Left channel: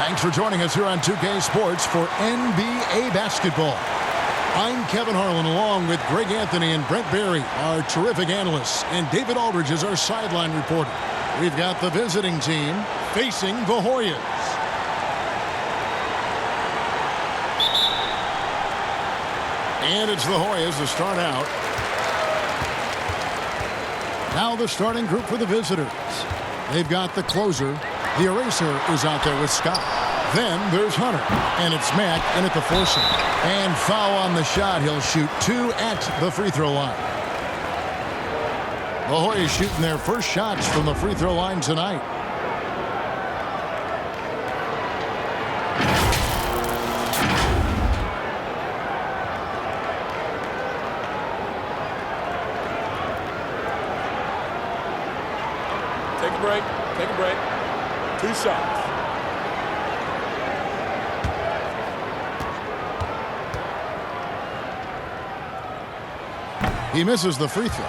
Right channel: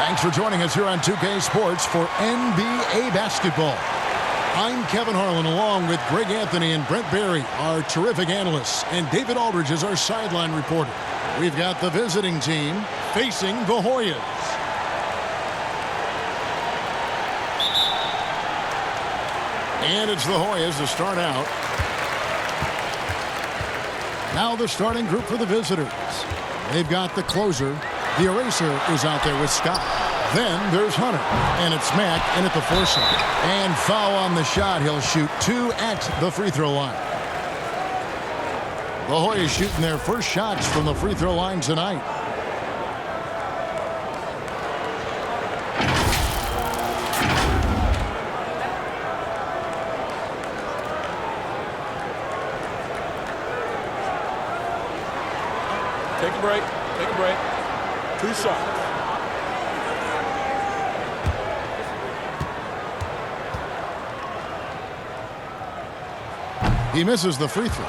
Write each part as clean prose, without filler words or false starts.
Thanks for joining us here on 2K Sports for NBA basketball. I'm Kevin Harlan along with Greg Anthony and Brent Barry, our terrific analysts, and David Aldridge is our sideline reporter. We've got the visiting team facing the Hoyas. And it's the Hoyas to start out. Now the starting group for the visitors. They've got the closer. The eraser is out there with Scott. Then there's Hunter. And it's Mack in at the foursome. And foul on the shot. He'll shoot 2 at the free throw line. The Hoyas shooting their first shots from the free throw line tonight. Take a break. Take a break. 2 shots. He misses the free throw.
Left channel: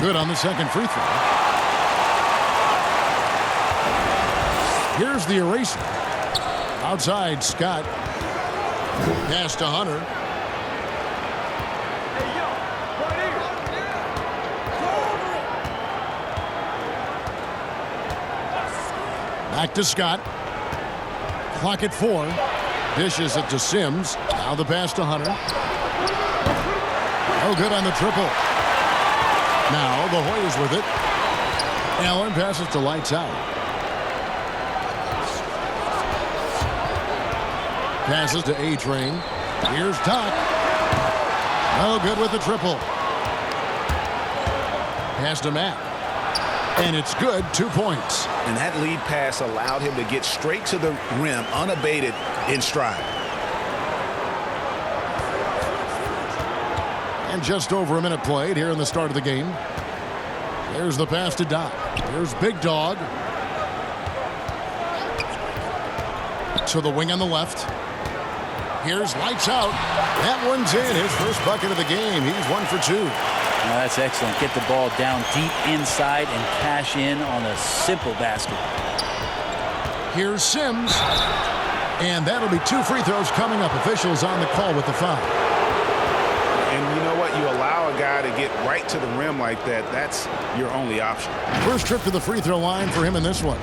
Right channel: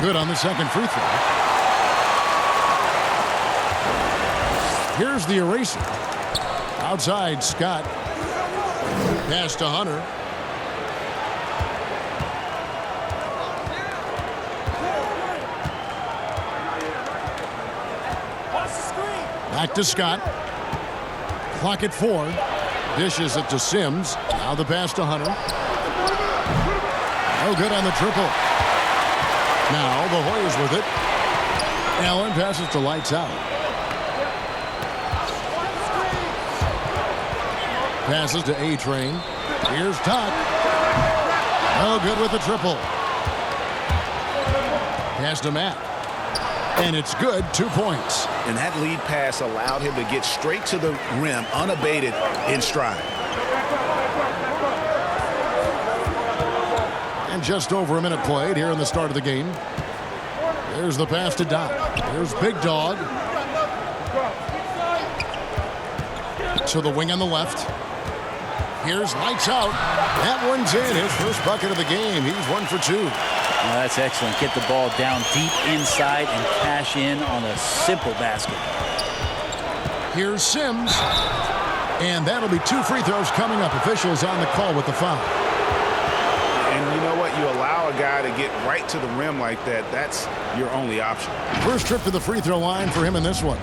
Good on the second free throw. Here's the eraser. Outside, Scott. Pass to Hunter. Back to Scott. Clock at 4. Dishes it to Sims. Now the pass to Hunter. No good on the triple. Now the Hoyas with it. Allen passes to Lights Out. Passes to A-Train. Here's Tuck. No good with the triple. Pass to Matt. And it's good. 2 points. And that lead pass allowed him to get straight to the rim unabated in stride. And just over a minute played here in the start of the game. There's the pass to Doc. Here's Big Dog. To the wing on the left. Here's Lights Out. That one's in. His first bucket of the game. He's 1 for 2. Now that's excellent. Get the ball down deep inside and cash in on a simple basket. Here's Sims. And that'll be 2 free throws coming up. Officials on the call with the foul. And you know what? You allow a guy to get right to the rim like that. That's your only option. First trip to the free throw line for him in this one.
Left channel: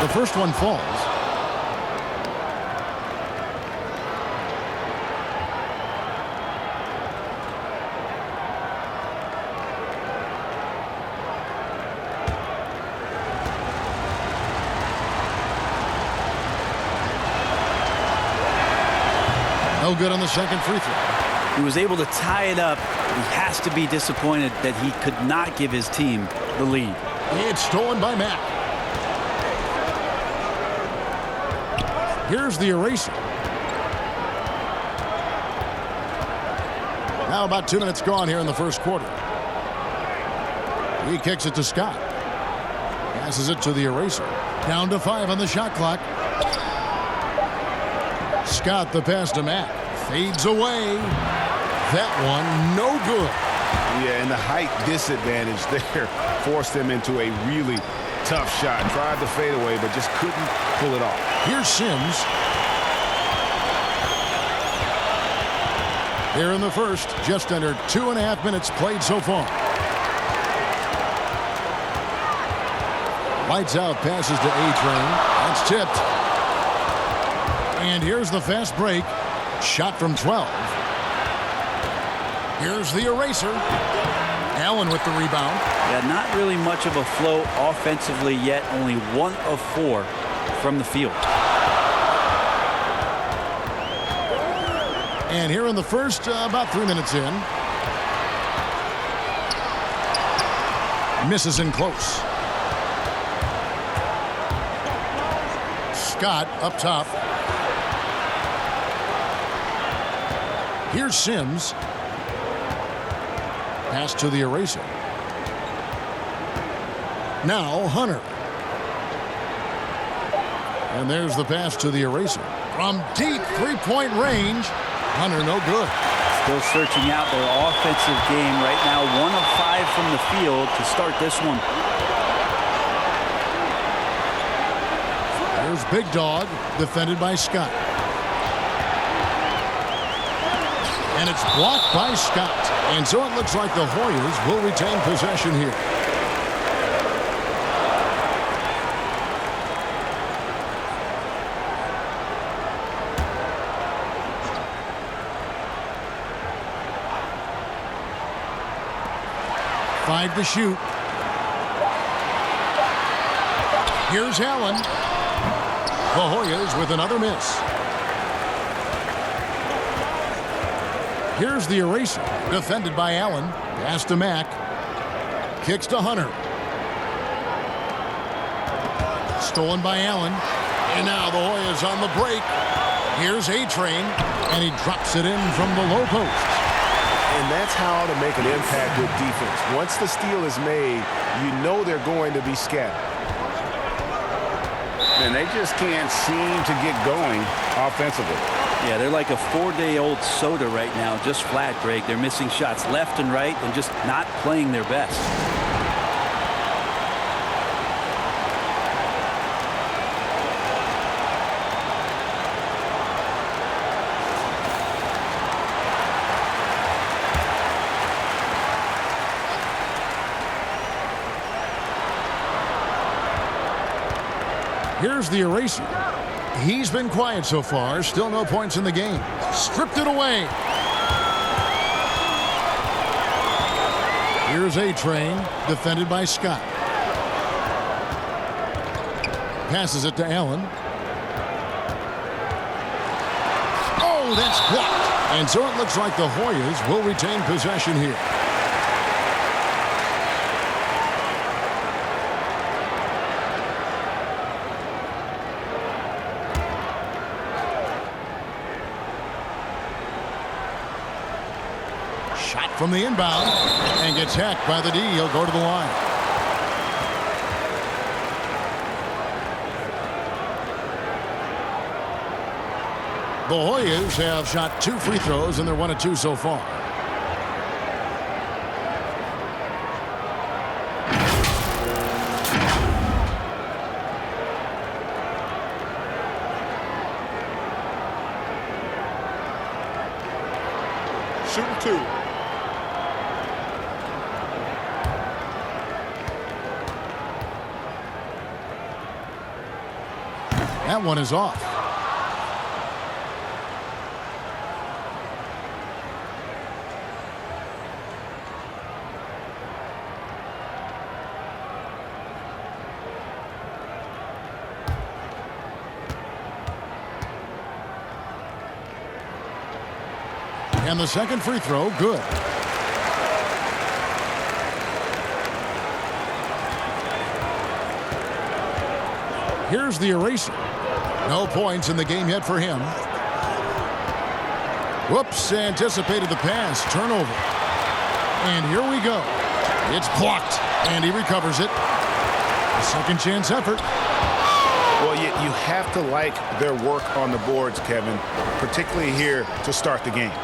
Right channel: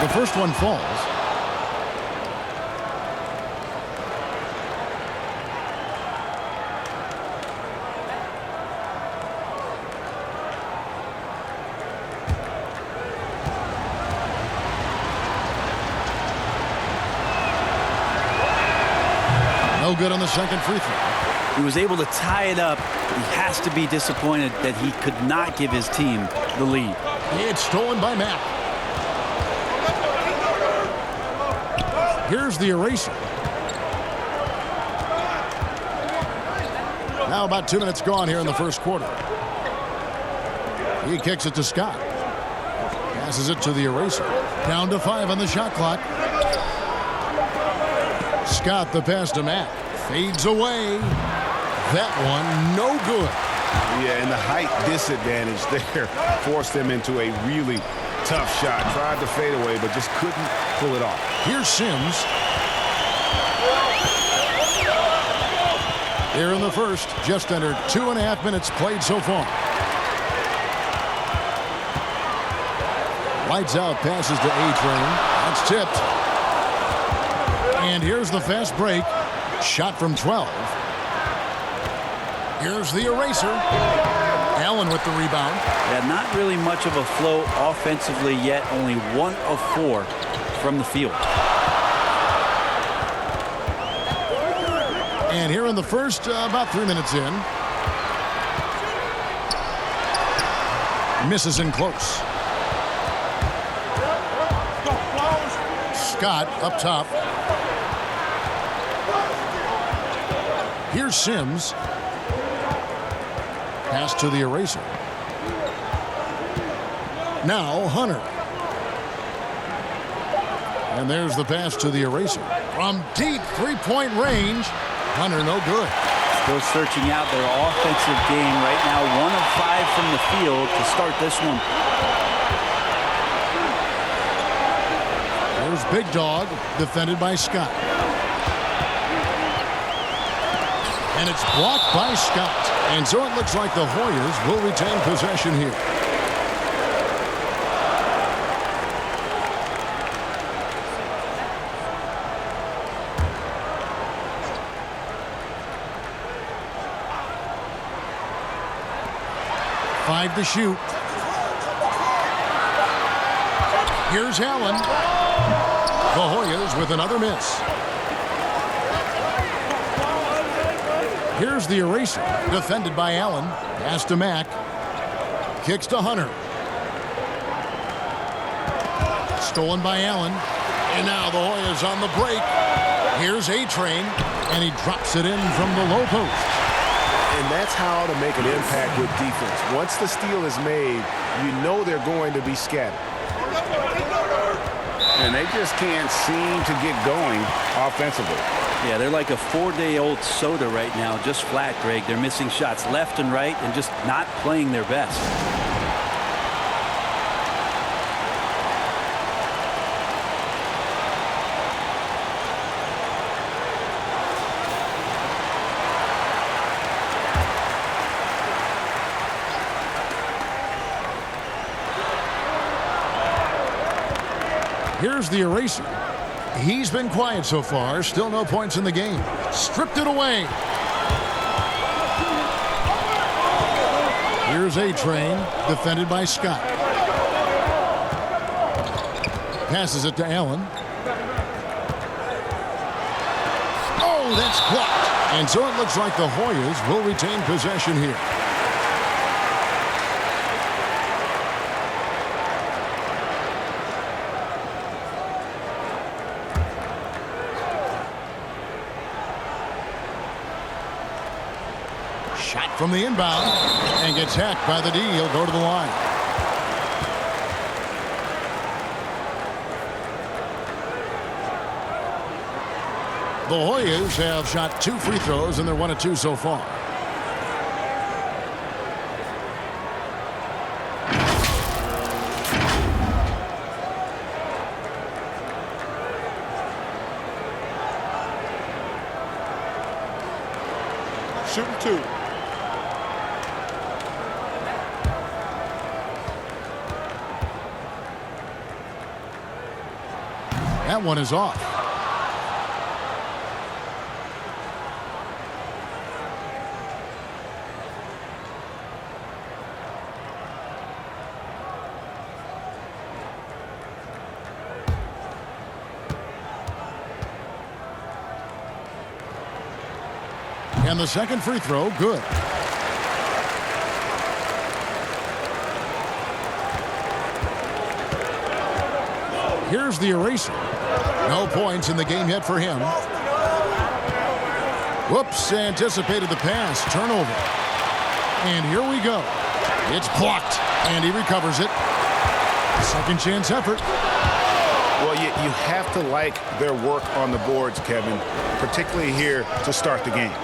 The first one falls. No good on the second free throw. He was able to tie it up, but he has to be disappointed that he could not give his team the lead. It's stolen by Mack. Here's the eraser. Now about 2 minutes gone here in the first quarter. He kicks it to Scott. Passes it to the eraser. Down to 5 on the shot clock. Scott the pass to Matt. Fades away. That one no good. Yeah, and the height disadvantage there forced him into a really tough shot. Tried to fade away, but just couldn't pull it off. Here's Sims. Here in the first, just under 2.5 minutes played so far. Lights Out passes to A-Train. That's tipped. And here's the fast break. Shot from 12. Here's the eraser. Allen with the rebound. Yeah, not really much of a flow offensively yet. Only 1 of 4 from the field. And here in the first, about 3 minutes in. Misses in close. Scott up top. Here's Sims. Pass to the eraser. Now Hunter. And there's the pass to the eraser. From deep three-point range. Hunter no good. Still searching out their offensive game right now. 1 of 5 from the field to start this one. There's Big Dog, defended by Scott. And it's blocked by Scott. And so it looks like the Hoyas will retain possession here. Five to shoot. Here's Allen. The Hoyas with another miss. Here's the eraser, defended by Allen. Pass to Mack. Kicks to Hunter. Stolen by Allen. And now the Hoyas on the break. Here's A-Train, and he drops it in from the low post. And that's how to make an impact with defense. Once the steal is made, you know they're going to be scattered. And they just can't seem to get going offensively. Yeah, they're like a 4-day-old soda right now, just flat, Greg. They're missing shots left and right and just not playing their best. Here's the eraser. He's been quiet so far. Still no points in the game. Stripped it away. Here's A-Train, defended by Scott. Passes it to Allen. Oh, that's blocked. And so it looks like the Hoyas will retain possession here. Shot from the inbound and gets hacked by the D. He'll go to the line. The Hoyas have shot 2 free throws and they're 1 of 2 so far. Shooting 2. That one is off. And the second free throw, good. Here's the eraser. No points in the game yet for him. Whoops, anticipated the pass. Turnover. And here we go. It's blocked, and he recovers it. Second chance effort. Well, you have to like their work on the boards, Kevin, particularly here to start the game.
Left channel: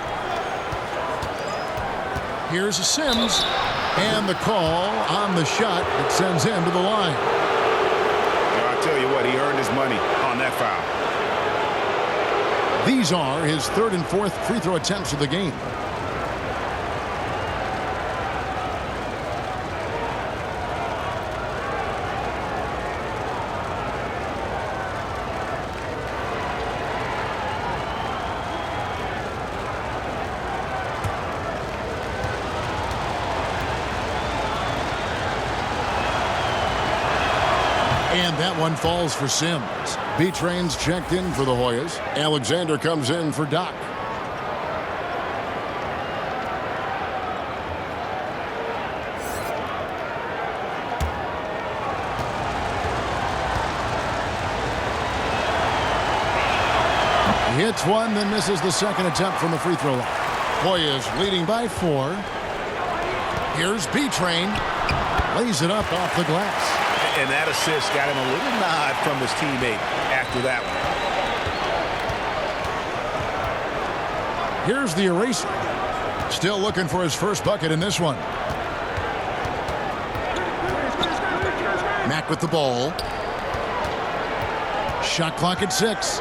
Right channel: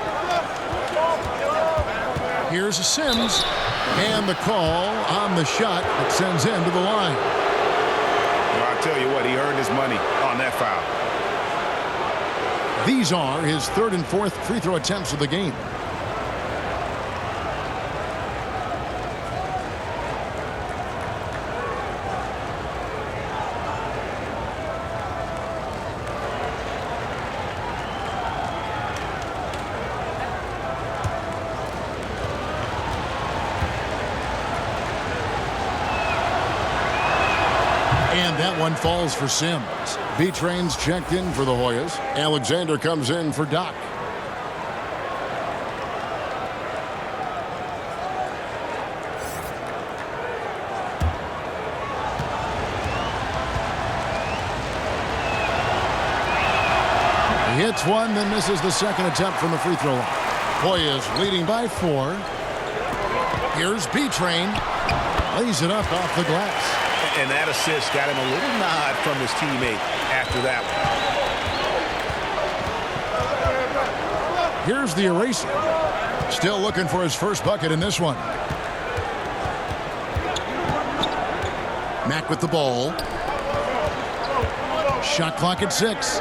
Here's Sims, and the call on the shot that sends him to the line. I'll tell you what, he earned his money on that foul. These are his 3rd and 4th free throw attempts of the game. And that one falls for Sims. B-Train's checked in for the Hoyas. Alexander comes in for Doc. He hits one, then misses the second attempt from the free throw line. Hoyas leading by 4. Here's B-Train. Lays it up off the glass. And that assist got him a little nod from his teammate after that one. Here's the eraser. Still looking for his first bucket in this one. Mack with the ball. Shot clock at 6.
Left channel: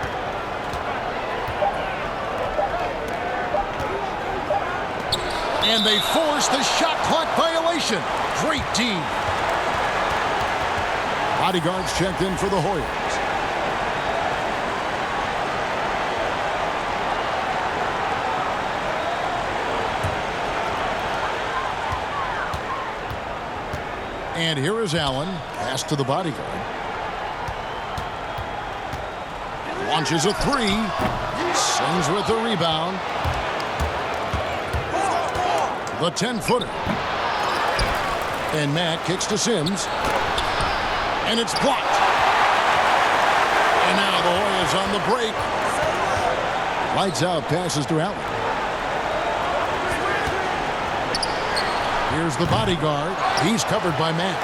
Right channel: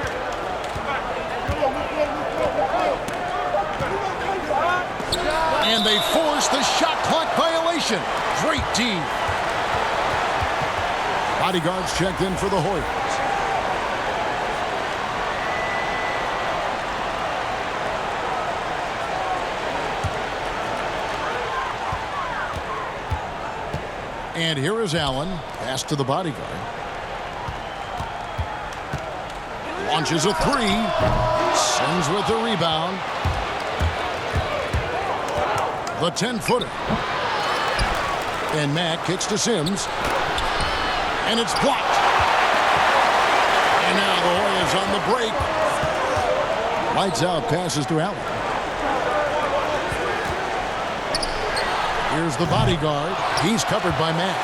And they force the shot clock violation. Great D. Bodyguards checked in for the Hoyas. And here is Allen. Pass to the bodyguard. Launches a 3. Sends with the rebound. The 10-footer. And Mack kicks to Sims. And it's blocked. And now the Hoyas on the break. Lights out, passes to Allen. Here's the bodyguard. He's covered by Mack.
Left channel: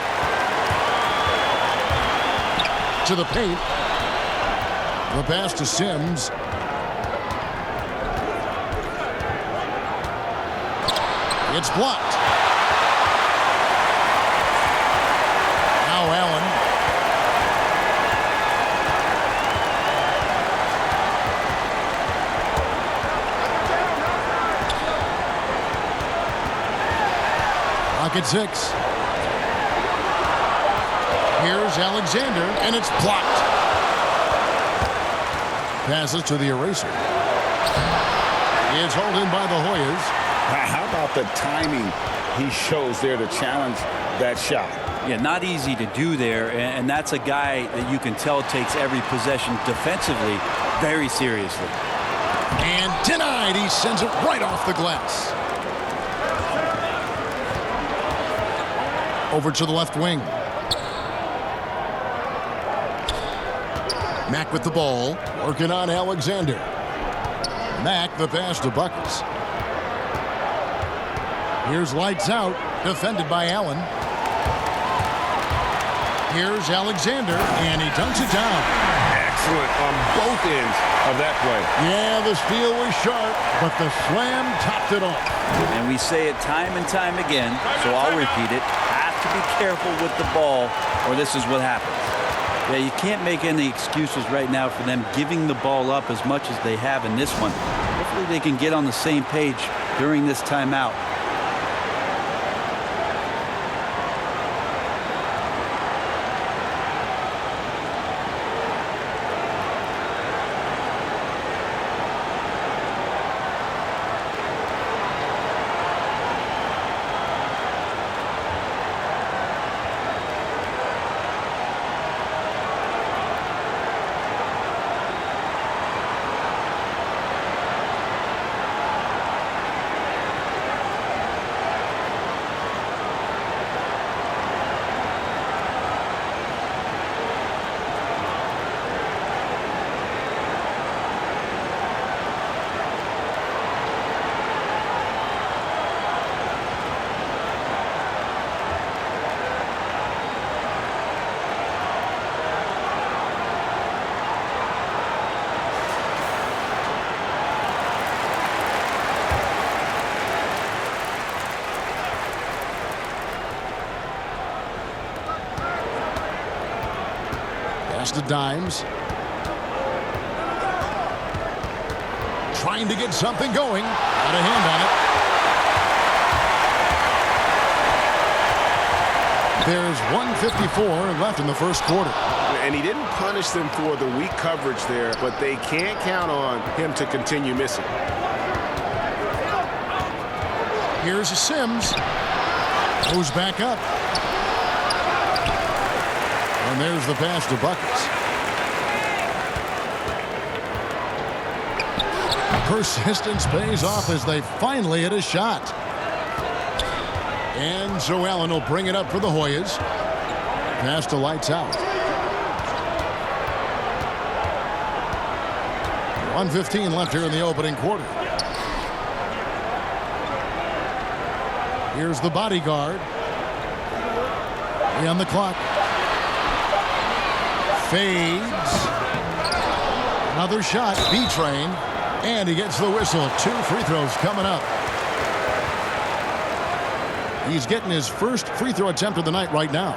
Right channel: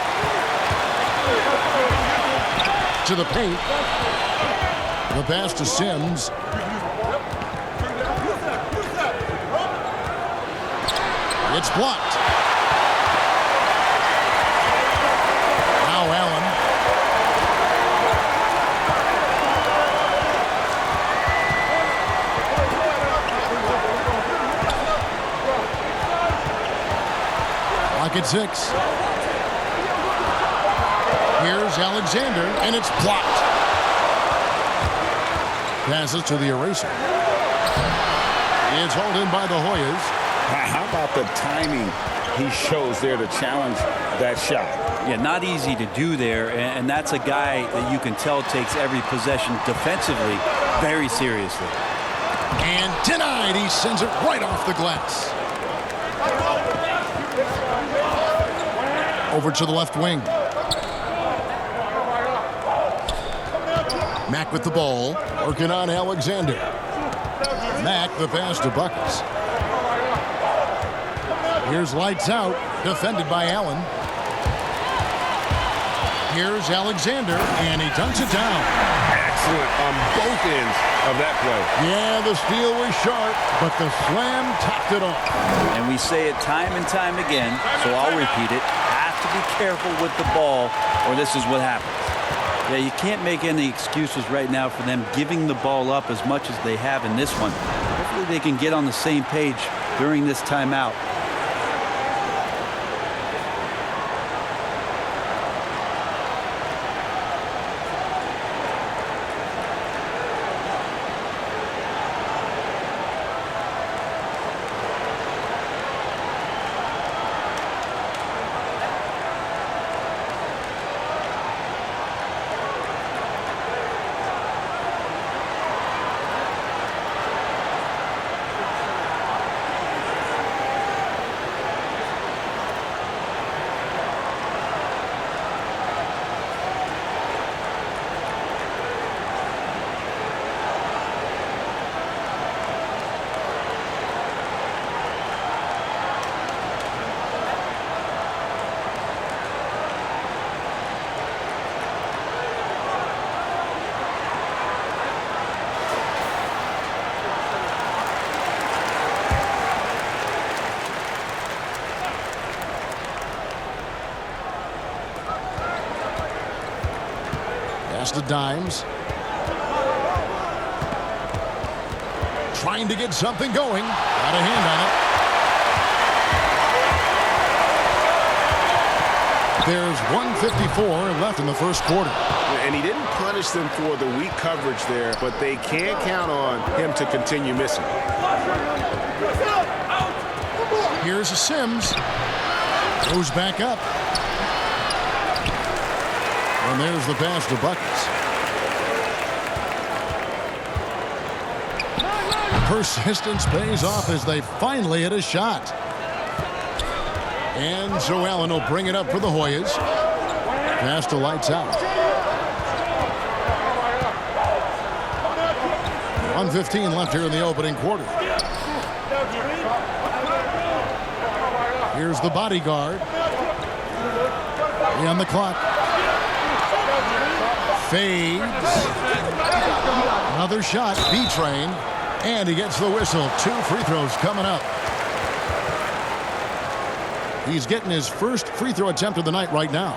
To the paint. The pass to Sims. It's blocked. Now Allen. Clock at 6. Here's Alexander, and it's blocked. Passes to the eraser. It's hauled in by the Hoyas. How about the timing he shows there to challenge that shot? Yeah, not easy to do there, and that's a guy that you can tell takes every possession defensively very seriously. And denied. He sends it right off the glass. Over to the left wing. Mack with the ball, working on Alexander. Mack the pass to Buckets. Here's lights out, defended by Allen. Here's Alexander, and he dunks it down. Excellent on both ends of that play. Yeah, the steal was sharp, but the slam topped it off. And we say it time and time again, so I'll repeat it. Have to be careful with the ball, or this is what happens. Yeah, you can't make any excuses right now for them giving the ball up as much as they have in this one. Hopefully they can get on the same page during this timeout. Pass to Dimes. Trying to get something going. Got a hand on it. There's 1:54 left in the first quarter. And he didn't punish them for the weak coverage there, but they can't count on him to continue missing. Here's a Sims. Goes back up. And there's the pass to Buckets. Persistence pays off as they finally hit a shot. And Joe Allen will bring it up for the Hoyas. Pass to Lights Out. 1:15 left here in the opening quarter. Here's the bodyguard. On the clock. Fades. Another shot. B-Train. And he gets the whistle. 2 free throws coming up. He's getting his first free throw attempt of the night right now.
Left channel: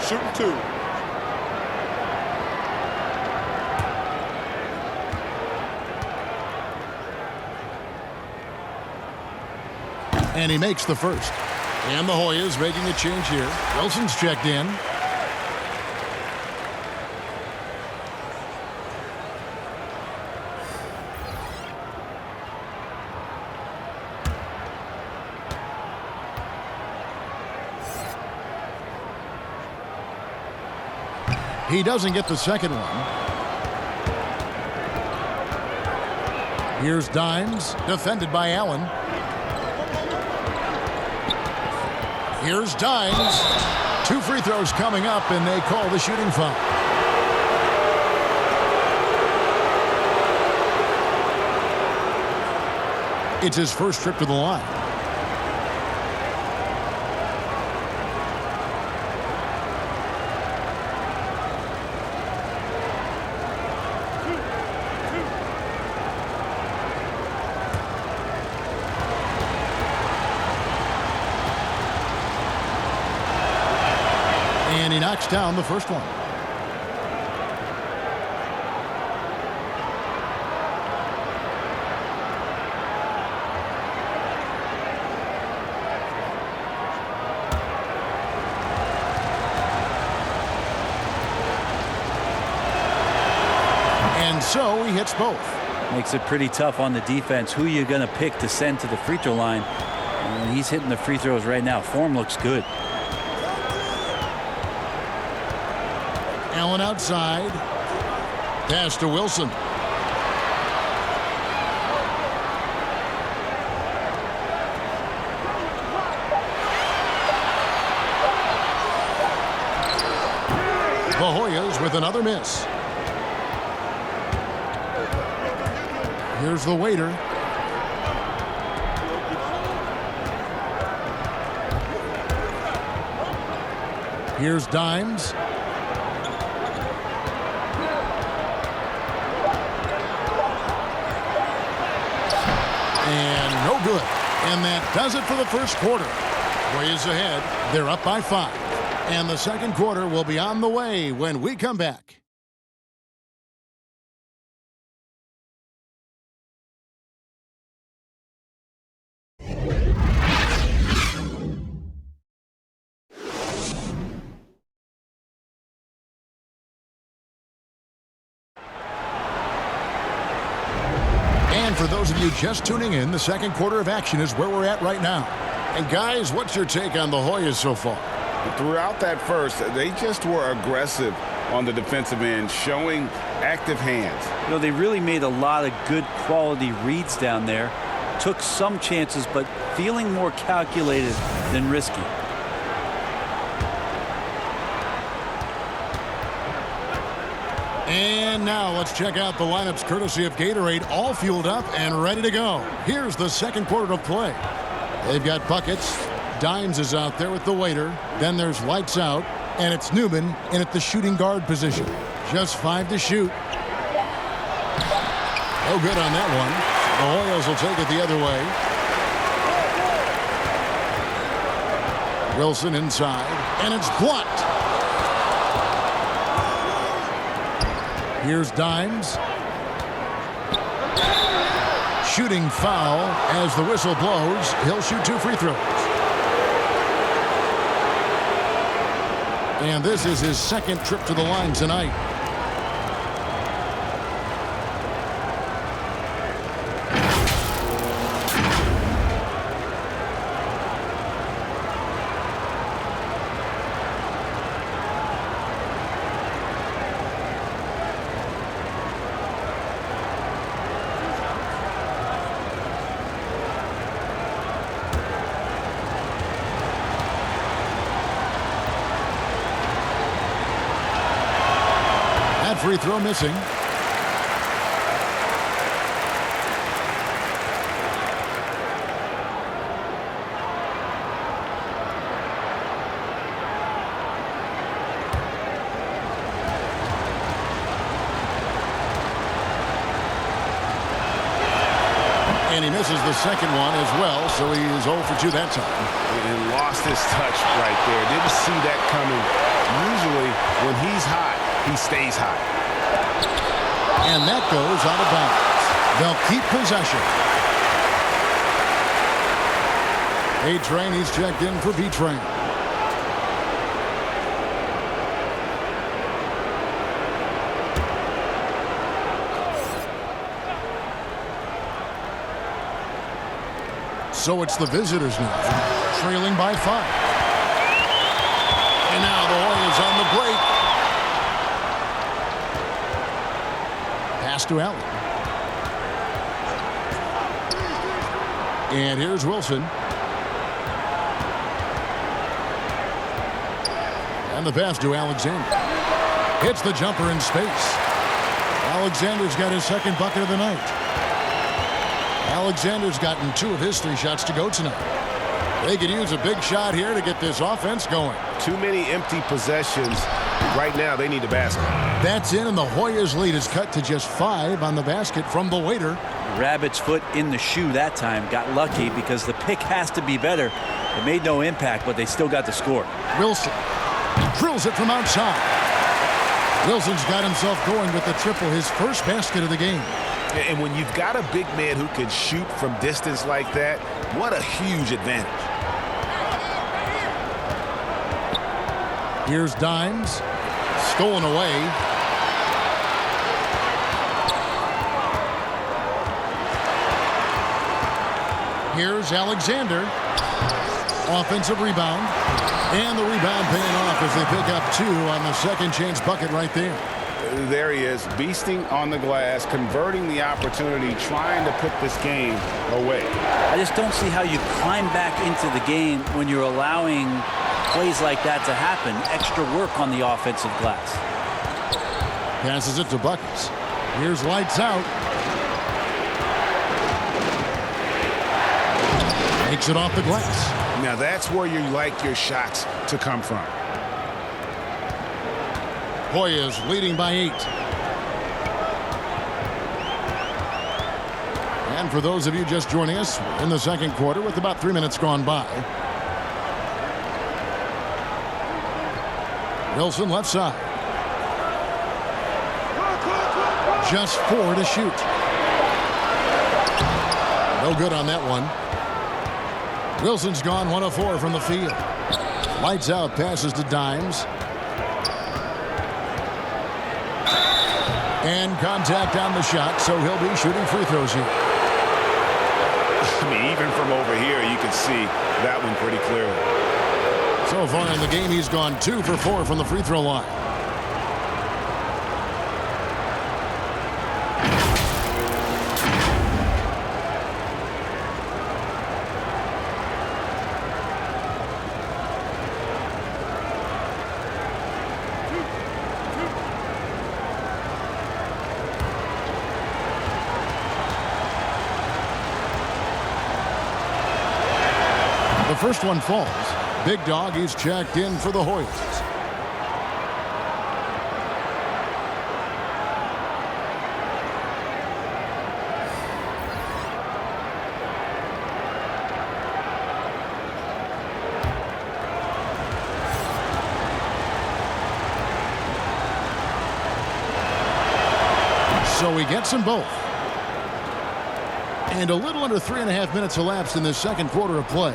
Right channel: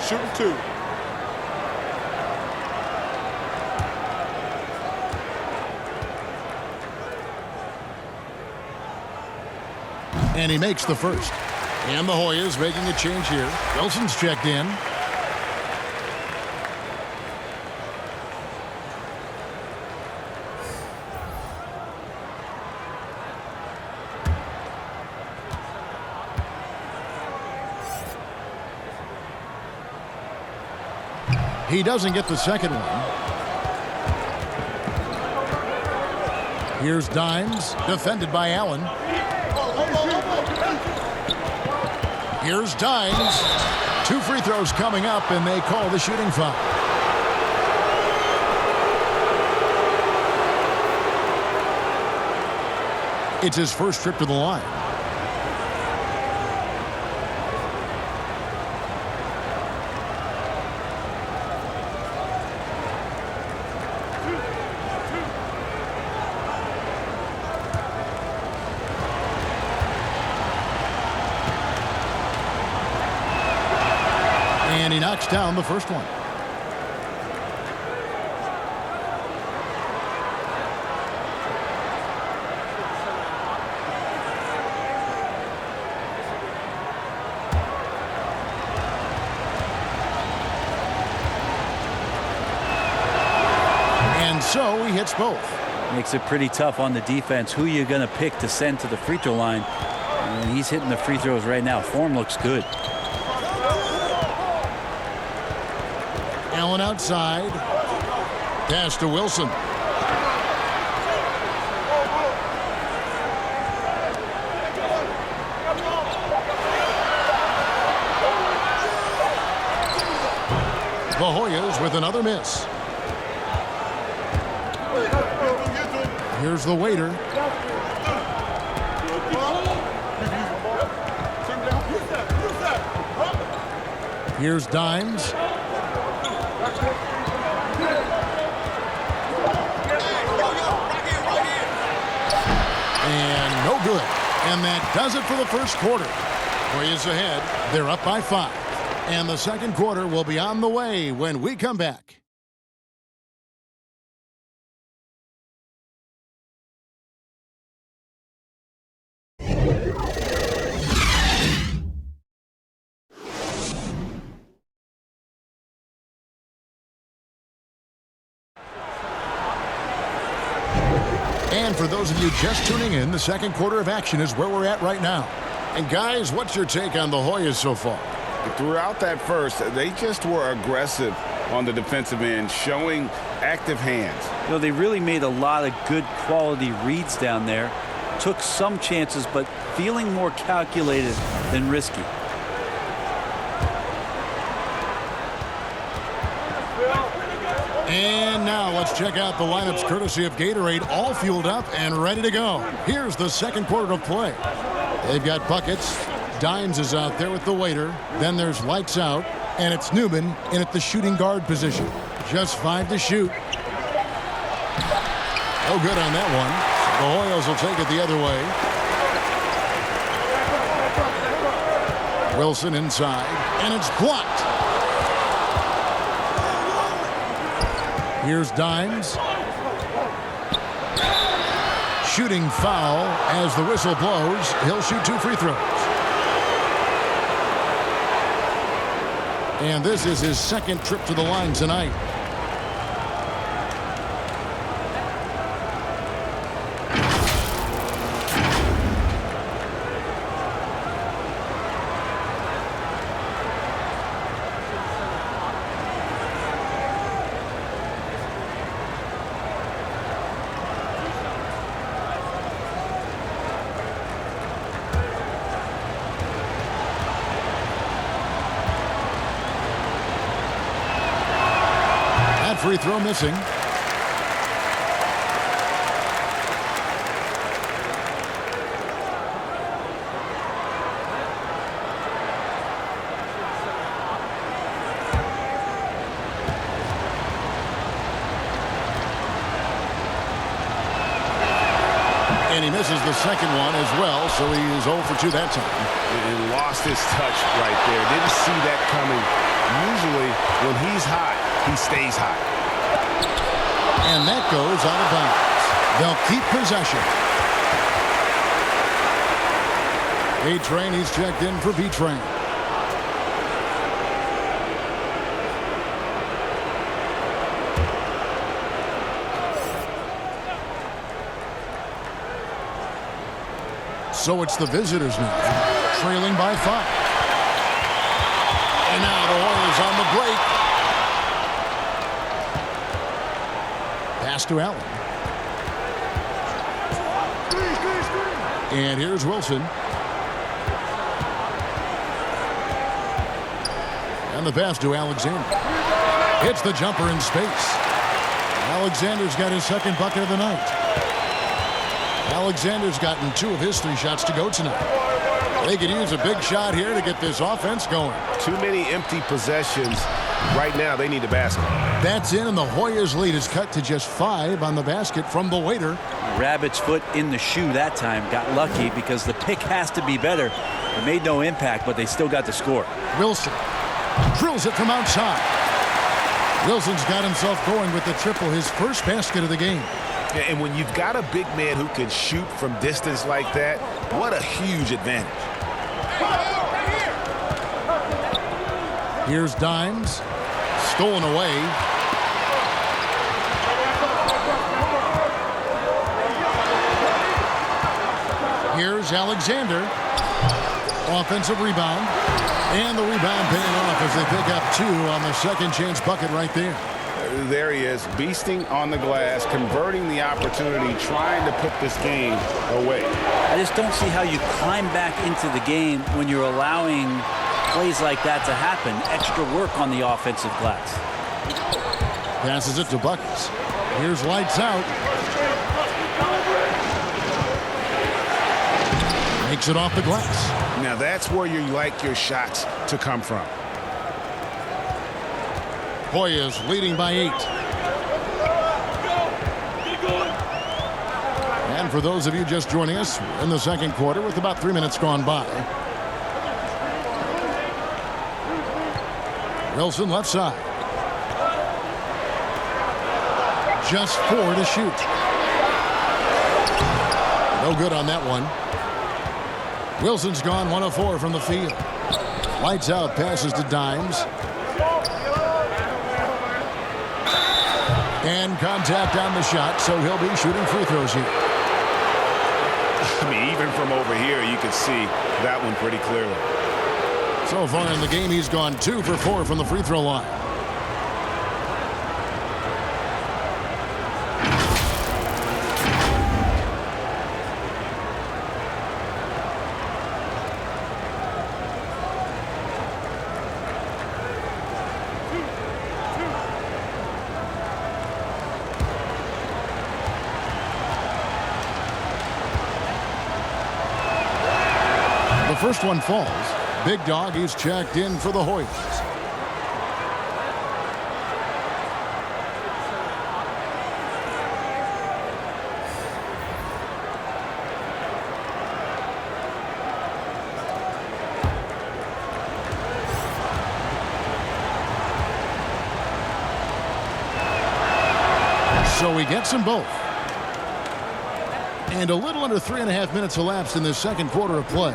Shooting 2. And he makes the first. And the Hoyas making a change here. Wilson's checked in. He doesn't get the second one. Here's Dimes, defended by Allen. Here's Dimes. 2 free throws coming up, and they call the shooting foul. It's his first trip to the line. And he knocks down the first one. And so he hits both. Makes it pretty tough on the defense. Who you're going to pick to send to the free throw line. And he's hitting the free throws right now. Form looks good. Allen outside. Pass to Wilson. The Hoyas with another miss. Here's the waiter. Here's Dimes. And no good. And that does it for the first quarter. Hoyas ahead. They're up by 5. And the second quarter will be on the way when we come back. And for those of you just tuning in, the second quarter of action is where we're at right now. And guys, what's your take on the Hoyas so far? Throughout that first, they just were aggressive on the defensive end, showing active hands. You know, they really made a lot of good quality reads down there. Took some chances, but feeling more calculated than risky. And now let's check out the lineups courtesy of Gatorade, all fueled up and ready to go. Here's the second quarter of play. They've got Buckets. Dimes is out there with the waiter. Then there's Lights Out, and it's Newman in at the shooting guard position. Just 5 to shoot. No good on that one. So the Hoyas will take it the other way. Wilson inside, and it's blocked. Here's Dimes. Shooting foul as the whistle blows. He'll shoot 2 free throws. And this is his second trip to the line tonight. free throw missing. And he misses the second one as well, so he is 0 for 2 that time. And lost his touch right there. Didn't see that coming. Usually, when he's hot, he stays hot. And that goes out of bounds. They'll keep possession. A-Train, he's checked in for B-Train. So it's the visitors now, trailing by 5. And now the Hoyas on the break. Pass to Allen. And here's Wilson. And the pass to Alexander. Hits the jumper in space. Alexander's got his second bucket of the night. Alexander's gotten 2 of his 3 shots to go tonight. They could use a big shot here to get this offense going. Too many empty possessions. Right now, they need a basket. That's in, and the Hoyas' lead is cut to just 5 on the basket from the waiter. Rabbit's foot in the shoe that time. Got lucky because the pick has to be better. It made no impact, but they still got the score. Wilson drills it from outside. Wilson's got himself going with the triple, his first basket of the game. And when you've got a big man who can shoot from distance like that, what a huge advantage. Here's Dimes. Stolen away. Here's Alexander. Offensive rebound. And the rebound paying off as they pick up 2 on the second chance bucket right there. There he is, beasting on the glass, converting the opportunity, trying to put this game away. I just don't see how you climb back into the game when you're allowing plays like that to happen. Extra work on the offensive glass. Passes it to Buckets. Here's lights out. Makes it off the glass. Now that's where you like your shots to come from. Hoyas leading by 8. And for those of you just joining us, we're in the second quarter with about 3 minutes gone by. Wilson left side. Just 4 to shoot. No good on that one. Wilson's gone 1 of 4 from the field. Lights out, passes to Dimes. And contact on the shot, so he'll be shooting free throws here. I mean, even from over here, you can see that one pretty clearly. So far in the game, he's gone 2 for 4 from the free throw line. The first one falls. Big Dog, he's checked in for the Hoyas. So he gets them both. And a little under 3.5 minutes elapsed in this second quarter of play.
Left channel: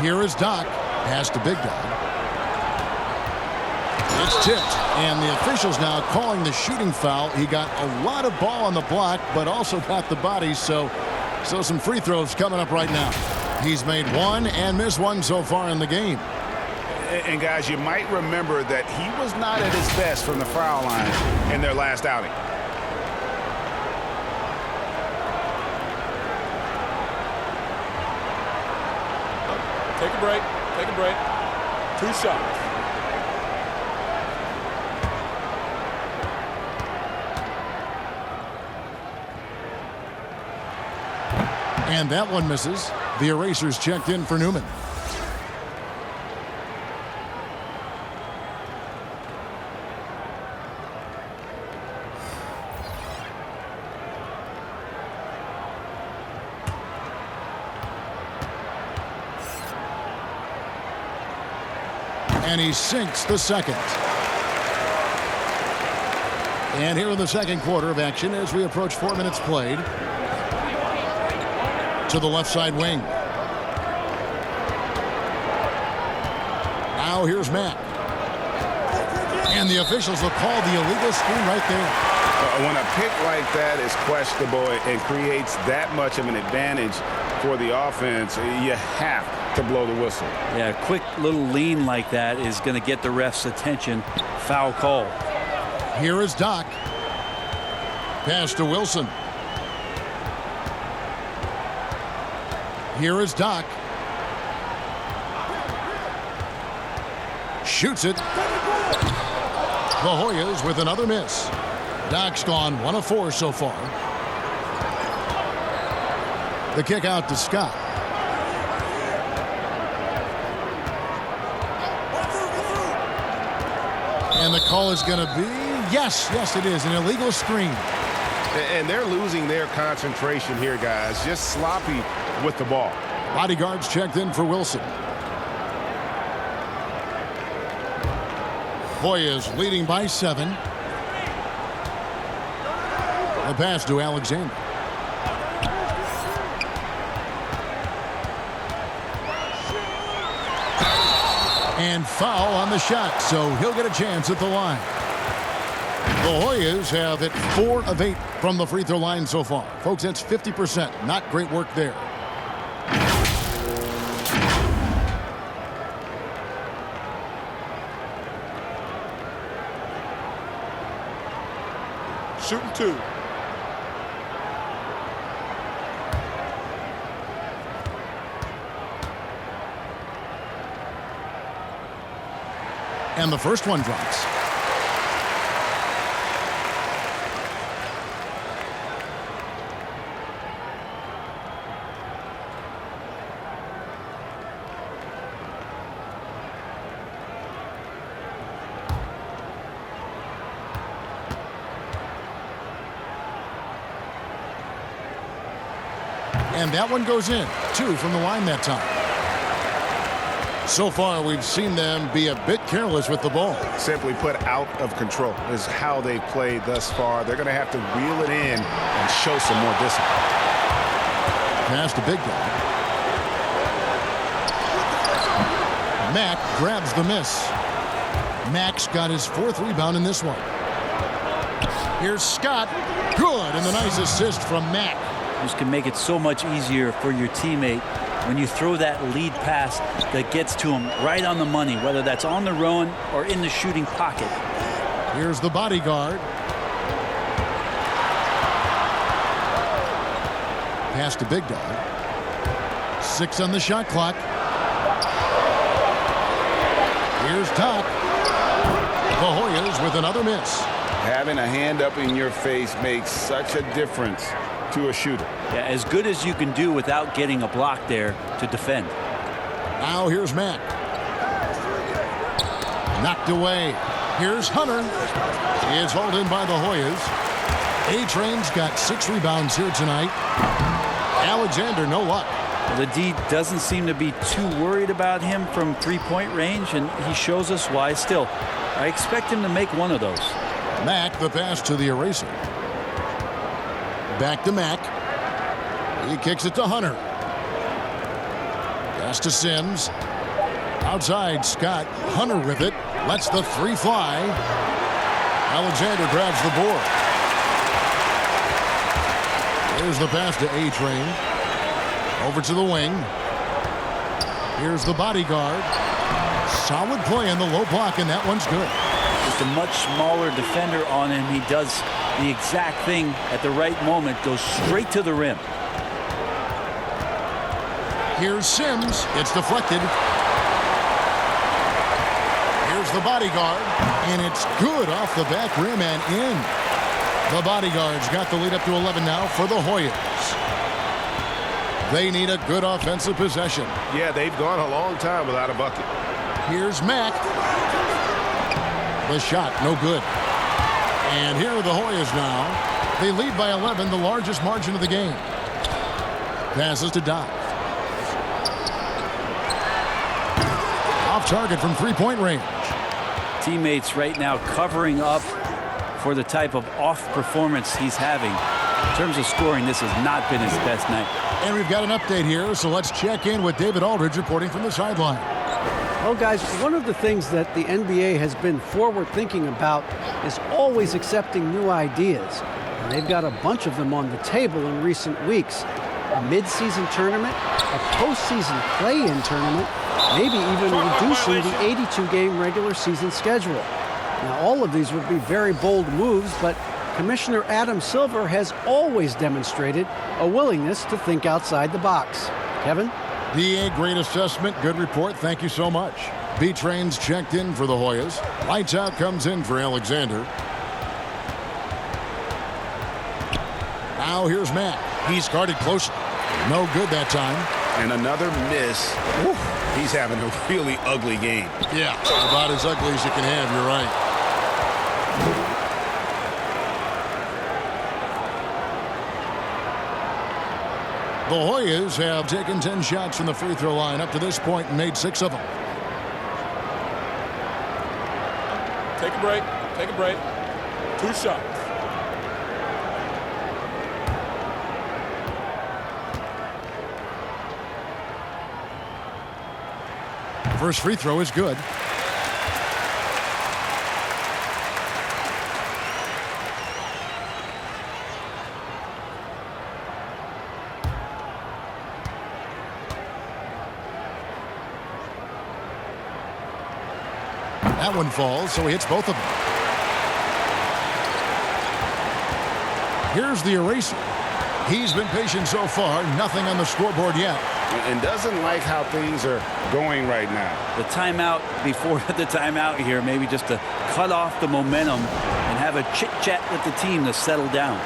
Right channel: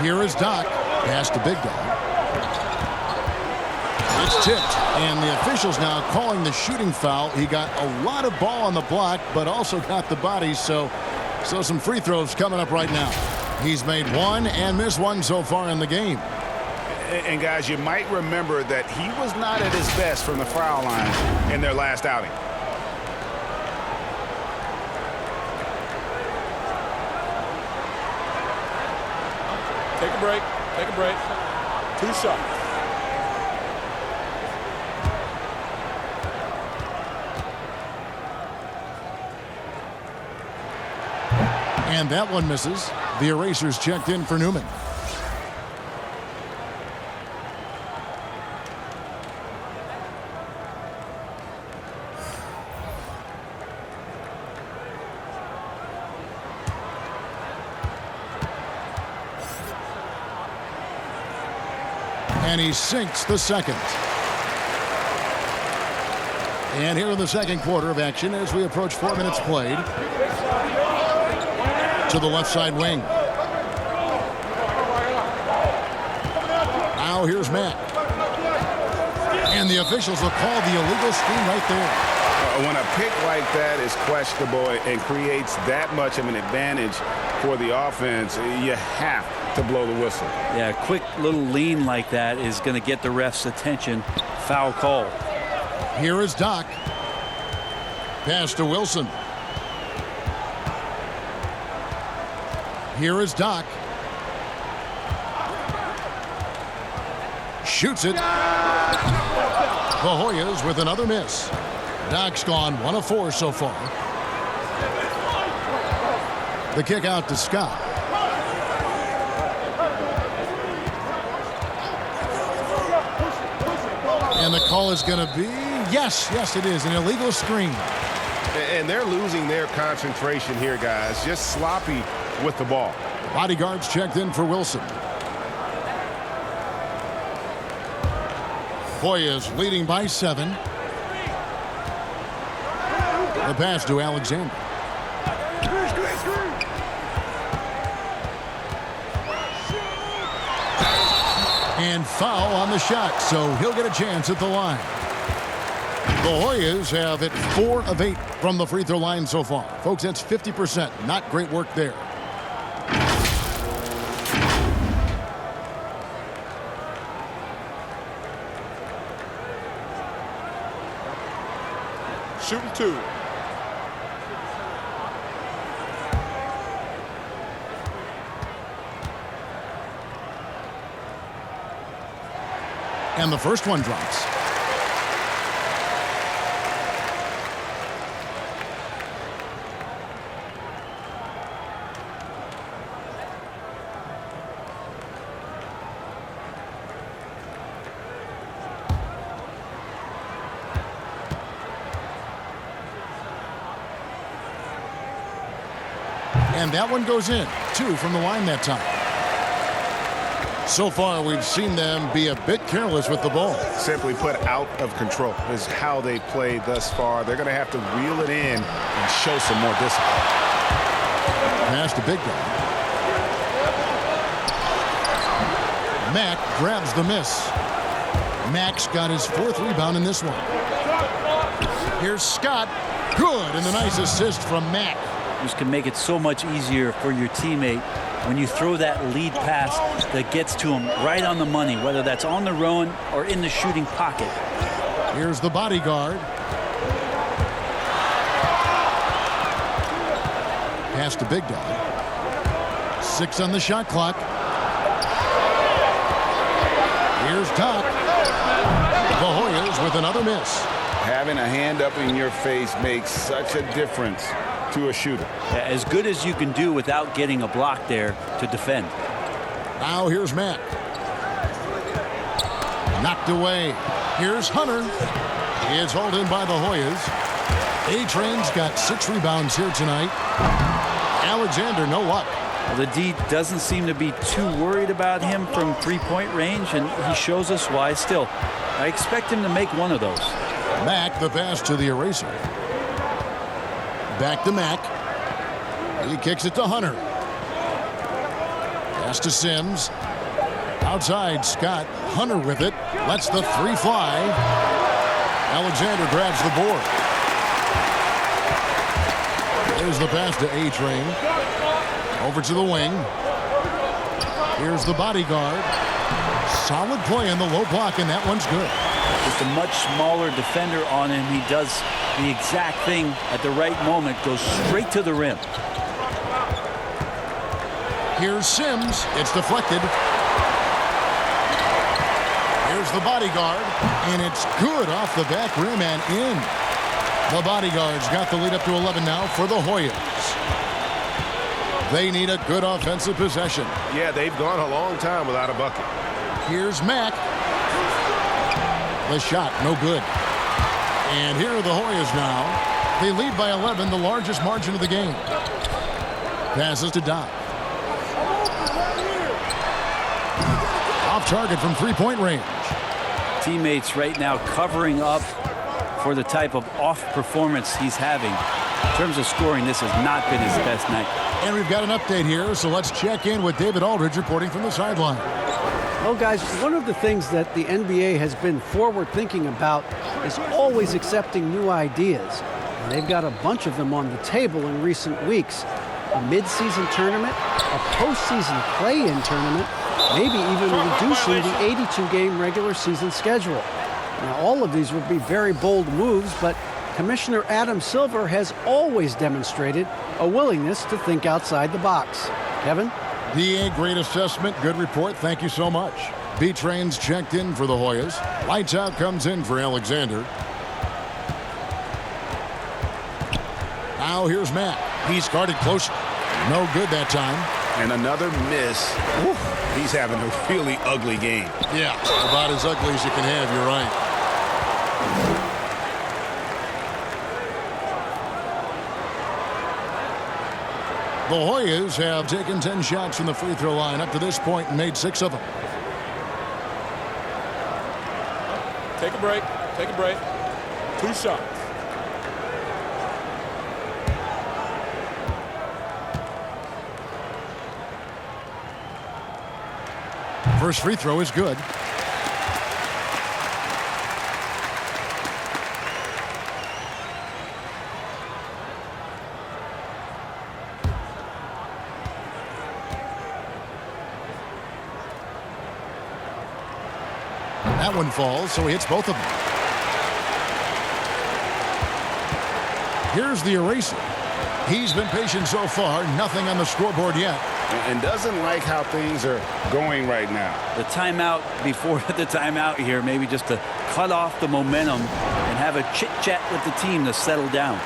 Here is Doc. Pass to Big Dog. It's tipped. And the officials now calling the shooting foul. He got a lot of ball on the block, but also got the body. So some free throws coming up right now. He's made 1 and missed 1 so far in the game. And guys, you might remember that he was not at his best from the foul line in their last outing. Take a break. Take a break. 2 shots. And that one misses. The erasers checked in for Newman. And he sinks the second. And here in the second quarter of action as we approach 4 minutes played. To the left side wing. Now here's Matt. And the officials will call the illegal screen right there. When a pick like that is questionable and creates that much of an advantage for the offense, you have to blow the whistle. Yeah, a quick little lean like that is going to get the ref's attention. Foul call. Here is Doc. Pass to Wilson. Here is Doc. Shoots it. The Hoyas with another miss. Doc's gone 1 of 4 so far. The kick out to Scott. And the call is going to be, yes, it is, an illegal screen. And they're losing their concentration here, guys. Just sloppy with the ball. Bodyguards checked in for Wilson. Hoyas leading by 7. The pass to Alexander. And foul on the shot, so he'll get a chance at the line. The Hoyas have hit 4 of 8 from the free throw line so far. Folks, that's 50%. Not great work there. Shooting 2. And the first one drops. And that one goes in. 2 from the line that time. So far, we've seen them be a bit careless with the ball. Simply put, out of control is how they played thus far. They're going to have to reel it in and show some more discipline. Pass to Big Dog. Mack grabs the miss. Mack's got his 4th rebound in this one. Here's Scott. Good, and the nice assist from Mack. This can make it so much easier for your teammate when you throw that lead pass that gets to him right on the money, whether that's on the run or in the shooting pocket. Here's the bodyguard. Pass to Big Dog. 6 on the shot clock. Here's Doc. The Hoyas with another miss. Having a hand up in your face makes such a difference to a shooter. Yeah, as good as you can do without getting a block there to defend. Now here's Matt. Knocked away. Here's Hunter. It's hauled in by the Hoyas. A-Train's got 6 rebounds here tonight. Alexander, no luck. Well, the D doesn't seem to be too worried about him from 3-point range, and he shows us why still. I expect him to make one of those. Mack, the pass to the eraser. Back to Mack. He kicks it to Hunter. Pass to Sims. Outside, Scott. Hunter with it. Lets the 3 fly. Alexander grabs the board. There's the pass to A-Train. Over to the wing. Here's the bodyguard. Solid play in the low block, and that one's good. Just a much smaller defender on him. He does the exact thing at the right moment. Goes straight to the rim. Here's Sims. It's deflected. Here's the bodyguard. And it's good off the back rim and in. The bodyguard's got the lead up to 11 now for the Hoyas. They need a good offensive possession. Yeah, they've gone a long time without a bucket. Here's Mack. The shot, no good. And here are the Hoyas now. They lead by 11, the largest margin of the game. Passes to Doc. Off target from three-point range. Teammates right now covering up for the type of off performance he's having. In terms of scoring, this has not been his best night. And we've got an update here, so let's check in with David Aldridge reporting from the sideline. Well, guys, one of the things that the NBA has been forward-thinking about is always accepting new ideas. And they've got a bunch of them on the table in recent weeks. A mid-season tournament, a postseason play-in tournament, maybe even reducing the 82-game regular season schedule. Now, all of these would be very bold moves, but Commissioner Adam Silver has always demonstrated a willingness to think outside the box. Kevin? DA, great assessment, good report, thank you so much. B-Train's checked in for the Hoyas. Lights out comes in for Alexander. Now here's Matt. He's guarded closely. No good that time. And another miss. Ooh, he's having a really ugly game. Yeah, about as ugly as you can have, you're right. The Hoyas have taken 10 shots from the free throw line up to this point and made 6 of them. Take a break. Take a break. 2 shots. First free throw is good. That one falls, so he hits both of them. Here's the eraser. He's been patient so far, nothing on the scoreboard yet. And doesn't like how things are going right now. The timeout before the timeout here, maybe just to cut off the momentum and have a chit-chat with the team to settle down.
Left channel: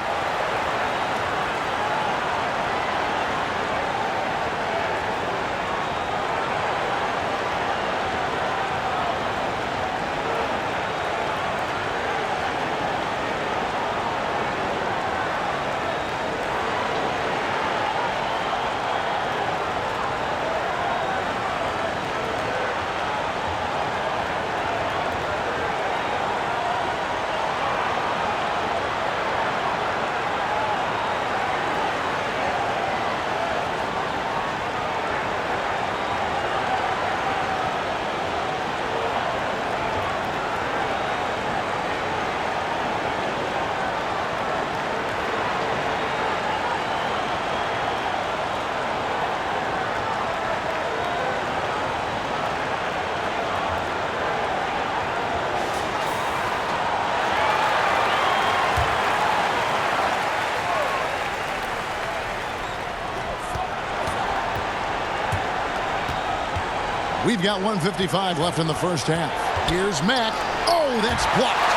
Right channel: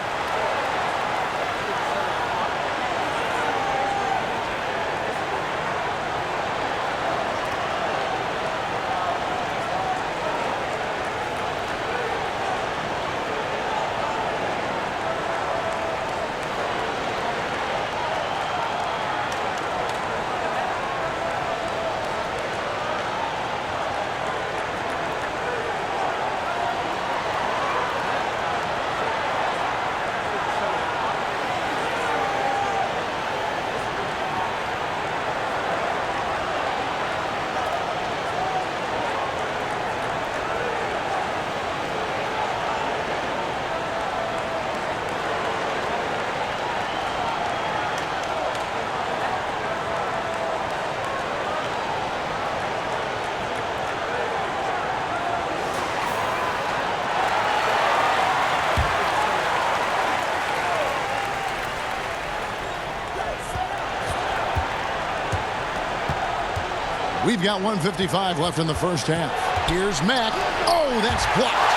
We've got 1:55 left in the first half. Here's Mack. Oh, that's blocked.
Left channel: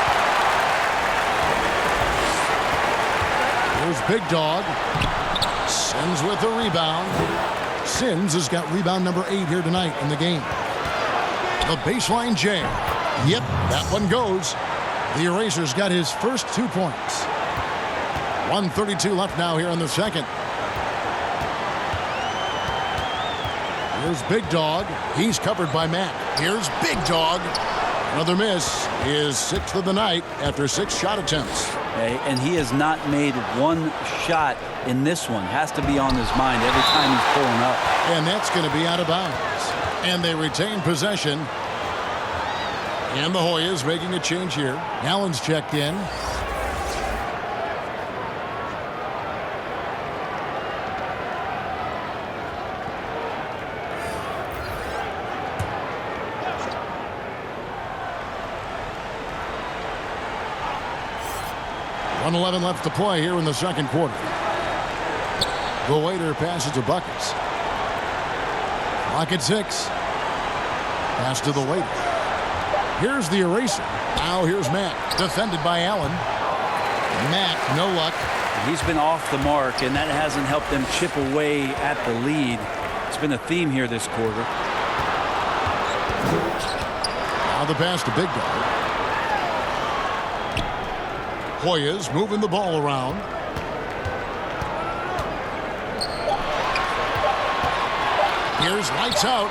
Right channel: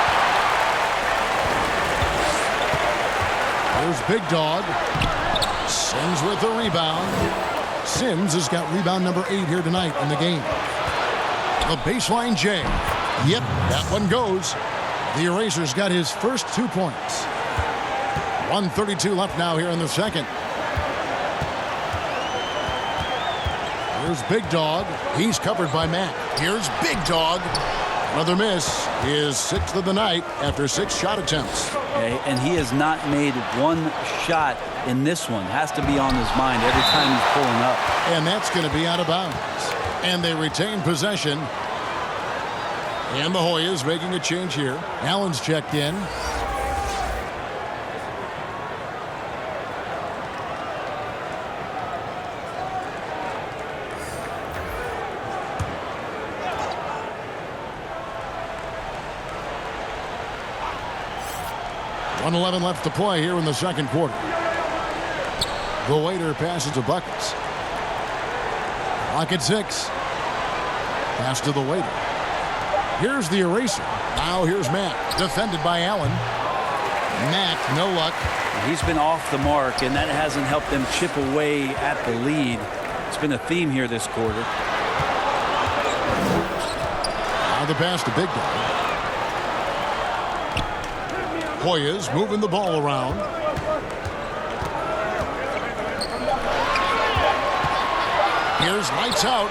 Here's Big Dog. Sims with the rebound. Sims has got rebound number 8 here tonight in the game. The baseline J. Yep, that one goes. The Eraser's got his first 2 points. 1:32 left now here in the second. Here's Big Dog. He's covered by Mack. Here's Big Dog. Another miss. His 6th of the night after 6 shot attempts. And he has not made one shot in this one. Has to be on his mind every time he's pulling up. And that's going to be out of bounds. And they retain possession. And the Hoyas making a change here. Allen's checked in. .11 left to play here in the second quarter. The waiter passes to Buckets. Clock at 6. Pass to the waiter. Here's the Eraser. Now here's Matt. Defended by Allen. Mack, no luck. He's been off the mark, and that hasn't helped them chip away at the lead. It's been a theme here this quarter. Now the pass to Big Dog. Hoyas moving the ball around. Here's lights out.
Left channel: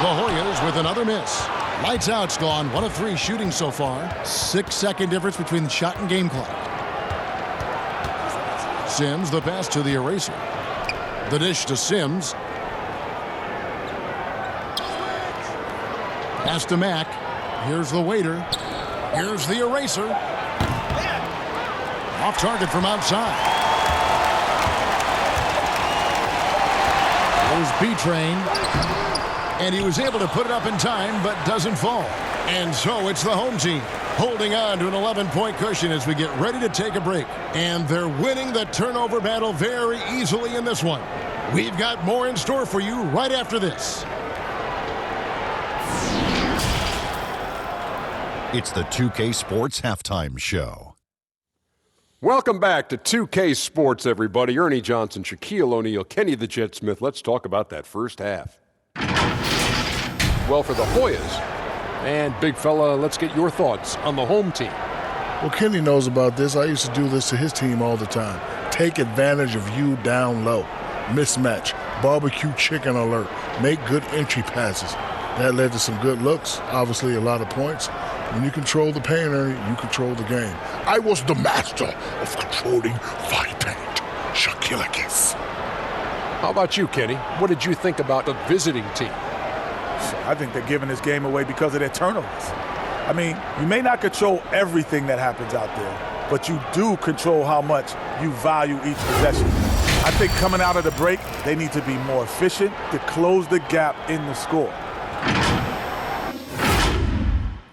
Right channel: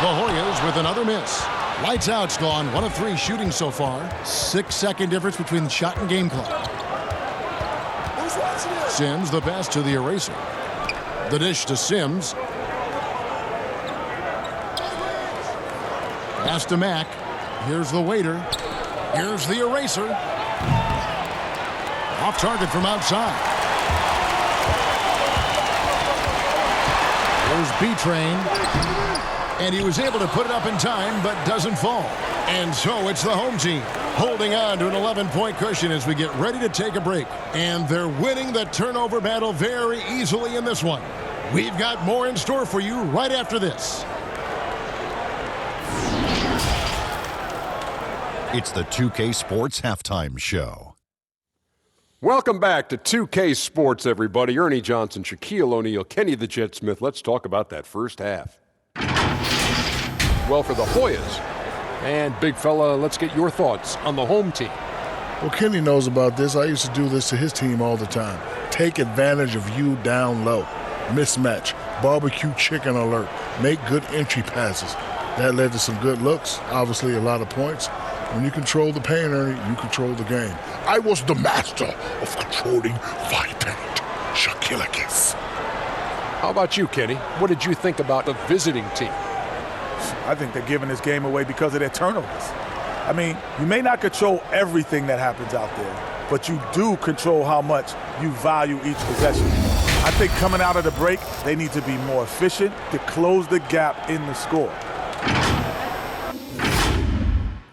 The Hoyas with another miss. Lights out's gone 1 of 3 shooting so far. 6-second difference between the shot and game clock. Sims the pass to the eraser. The dish to Sims. Pass to Mack. Here's the waiter. Here's the eraser. Off target from outside. Here's B-Train. And he was able to put it up in time, but doesn't fall. And so it's the home team holding on to an 11-point cushion as we get ready to take a break. And they're winning the turnover battle very easily in this one. We've got more in store for you right after this. It's the 2K Sports Halftime Show. Welcome back to 2K Sports, everybody. Ernie Johnson, Shaquille O'Neal, Kenny the Jet Smith. Let's talk about that first half. Well, for the Hoyas. And, big fella, let's get your thoughts on the home team. Well, Kenny knows about this. I used to do this to his team all the time. Take advantage of you down low. Mismatch. Barbecue chicken alert. Make good entry passes. That led to some good looks. Obviously, a lot of points. When you control the paint, Ernie, you control the game. I was the master of controlling fight paint. Shaquille. How about you, Kenny? What did you think about the visiting team? I think they're giving this game away because of their turnovers. I mean, you may not control everything that happens out there, but you do control how much you value each possession. I think coming out of the break, they need to be more efficient to close the gap in the score.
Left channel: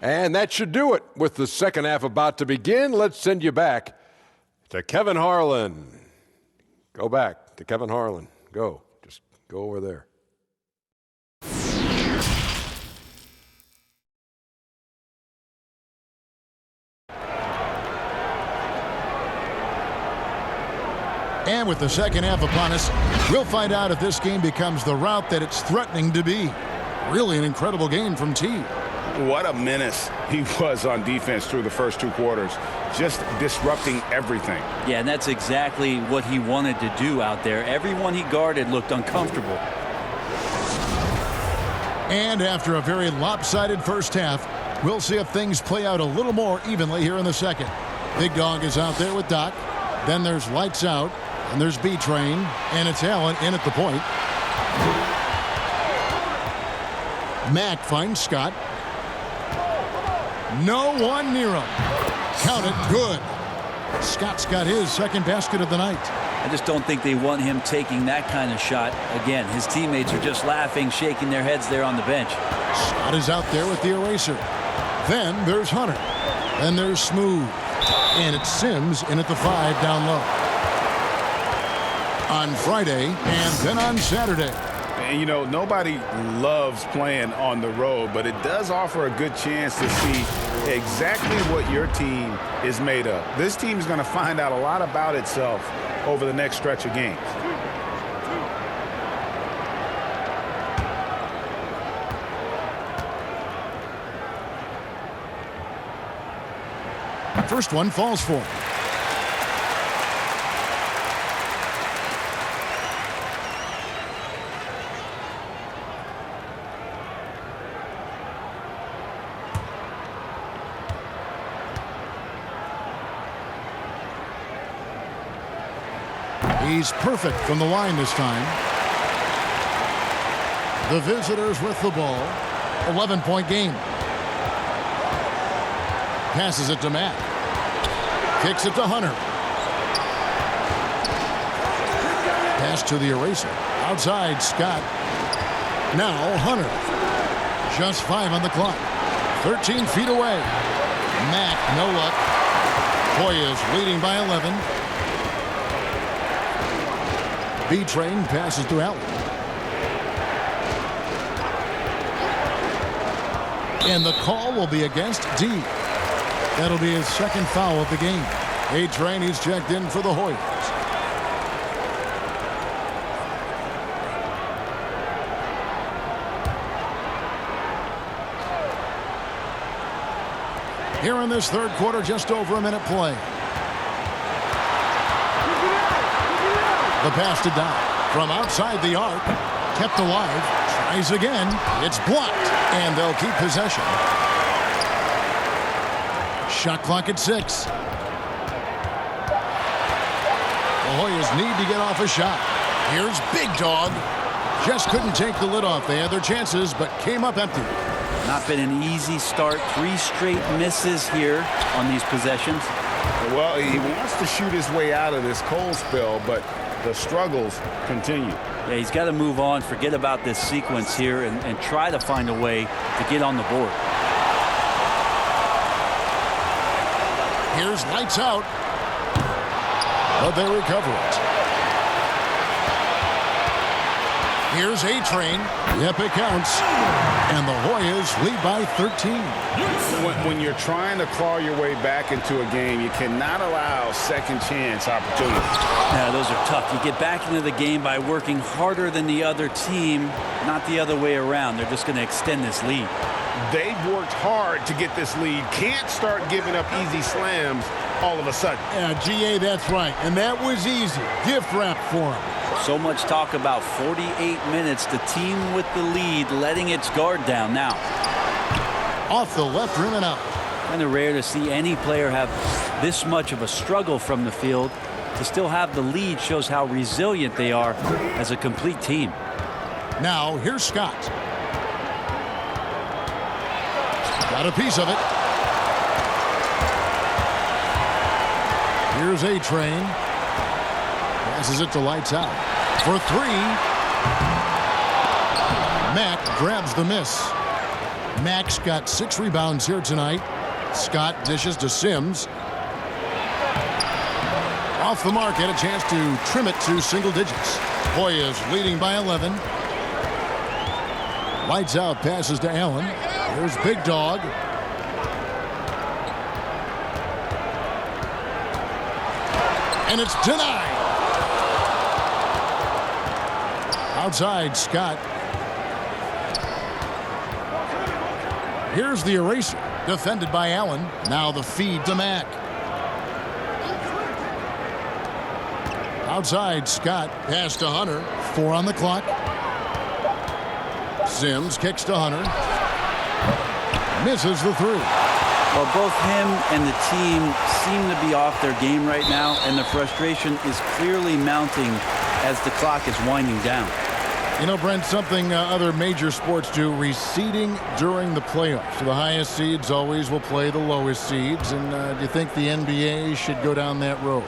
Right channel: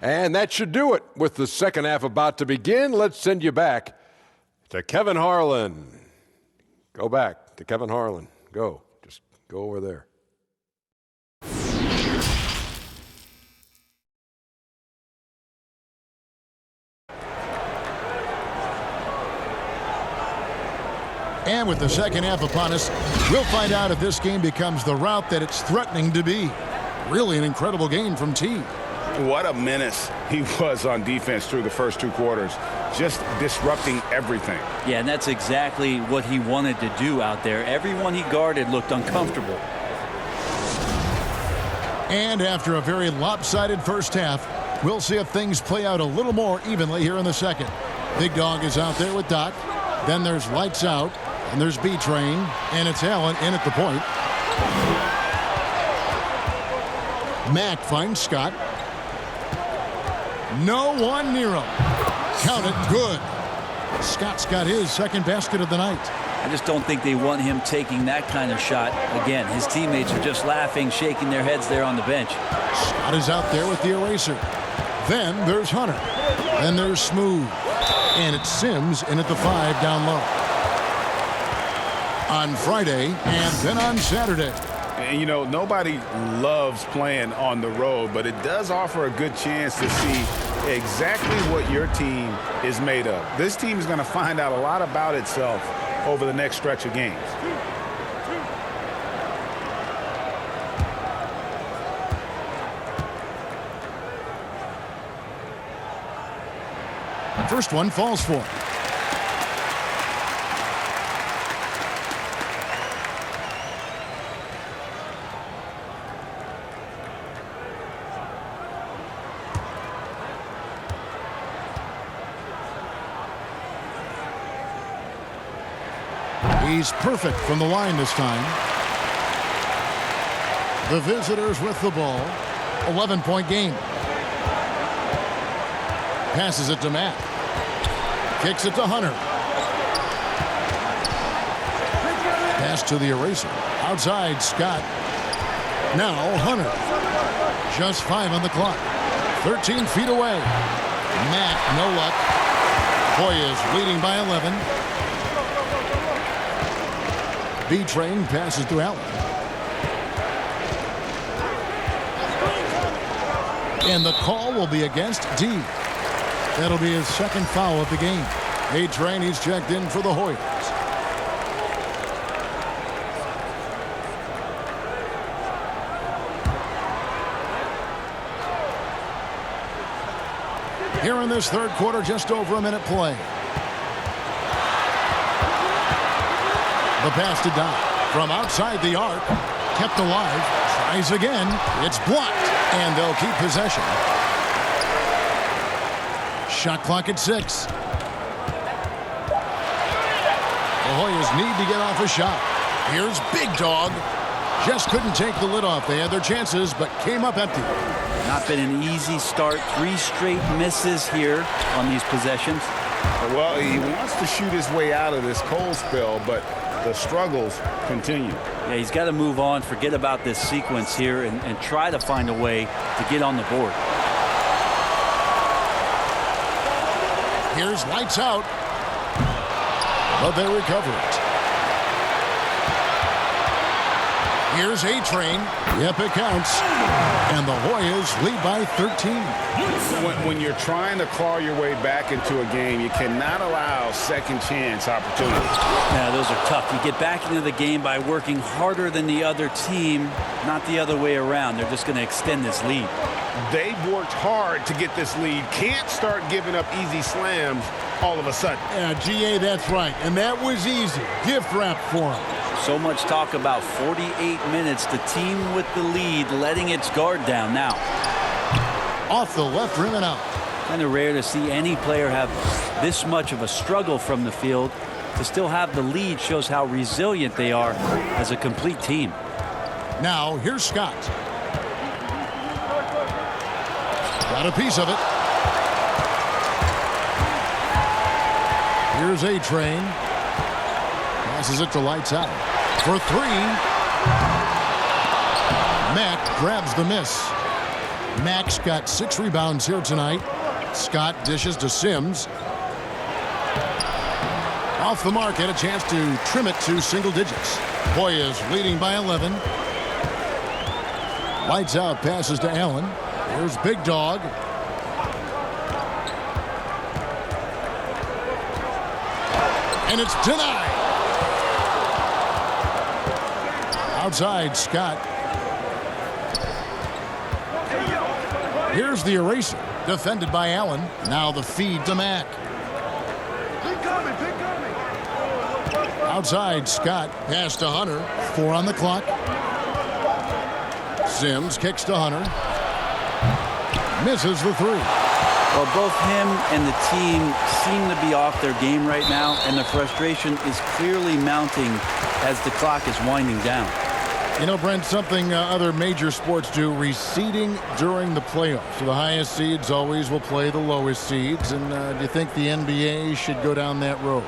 And that should do it. With the second half about to begin, let's send you back to Kevin Harlan. Go back to Kevin Harlan. Go. Just go over there. And with the second half upon us, we'll find out if this game becomes the route that it's threatening to be. Really an incredible game from T. What a menace he was on defense through the first 2 quarters, just disrupting everything. Yeah, and that's exactly what he wanted to do out there. Everyone he guarded looked uncomfortable. And after a very lopsided first half, we'll see if things play out a little more evenly here in the second. Big Dog is out there with Doc. Then there's Lights Out. And there's B-Train. And it's Allen in at the point. Mack finds Scott. No one near him. Count it, good. Scott's got his second basket of the night. I just don't think they want him taking that kind of shot again. His teammates are just laughing, shaking their heads there on the bench. Scott is out there with the eraser. Then there's Hunter. Then there's Smooth. And it's Sims in at the 5 down low. On Friday and then on Saturday. And, you know, nobody loves playing on the road, but it does offer a good chance to see exactly what your team is made of. This team is going to find out a lot about itself over the next stretch of games. First one falls for him. He's perfect from the line this time. The visitors with the ball. 11-point game. Passes it to Mack. Kicks it to Hunter. Pass to the eraser. Outside, Scott. Now Hunter. Just 5 on the clock. 13 feet away. Mack, no luck. Hoyas leading by 11. B-Train passes to Allen. And the call will be against D. That'll be his second foul of the game. A-Train, he's checked in for the Hoyas. Here in this third quarter, just over a minute play. The pass to Dodd from outside the arc, kept alive, tries again, it's blocked, and they'll keep possession. Shot clock at 6. The Hoyas need to get off a shot. Here's Big Dog. Just couldn't take the lid off. They had their chances, but came up empty. Not been an easy start. 3 straight misses here on these possessions. Well, he wants to shoot his way out of this cold spell, but the struggles continue. Yeah, he's got to move on, forget about this sequence here, and try to find a way to get on the board. Here's lights out, but they recover it. Here's A-Train. Yep, it counts. And the Hoyas lead by 13. When you're trying to claw your way back into a game, you cannot allow second chance opportunities. Yeah, those are tough. You get back into the game by working harder than the other team, not the other way around. They're just going to extend this lead. They've worked hard to get this lead. Can't start giving up easy slams all of a sudden. Yeah, GA, that's right. And that was easy. Gift wrap for them. So much talk about 48 minutes. The team with the lead letting its guard down now. Off the left rim and out. Kind of rare to see any player have this much of a struggle from the field. To still have the lead shows how resilient they are as a complete team. Now, here's Scott. Got a piece of it. Here's A-Train. Passes it to lights out. For 3. Mack grabs the miss. Mack's got 6 rebounds here tonight. Scott dishes to Sims. Off the mark, had a chance to trim it to single digits. Hoyas leading by 11. Lights out, passes to Allen. Here's Big Dog. And it's denied. Outside, Scott. Here's the eraser, defended by Allen. Now the feed to Mack. Outside, Scott. Pass to Hunter. 4 on the clock. Sims kicks to Hunter. Misses the 3. Well, both him and the team seem to be off their game right now, and the frustration is clearly mounting as the clock is winding down. You know, Brent, something other major sports do, reseeding during the playoffs. So the highest seeds always will play the lowest seeds. And do you think the NBA should go down that road?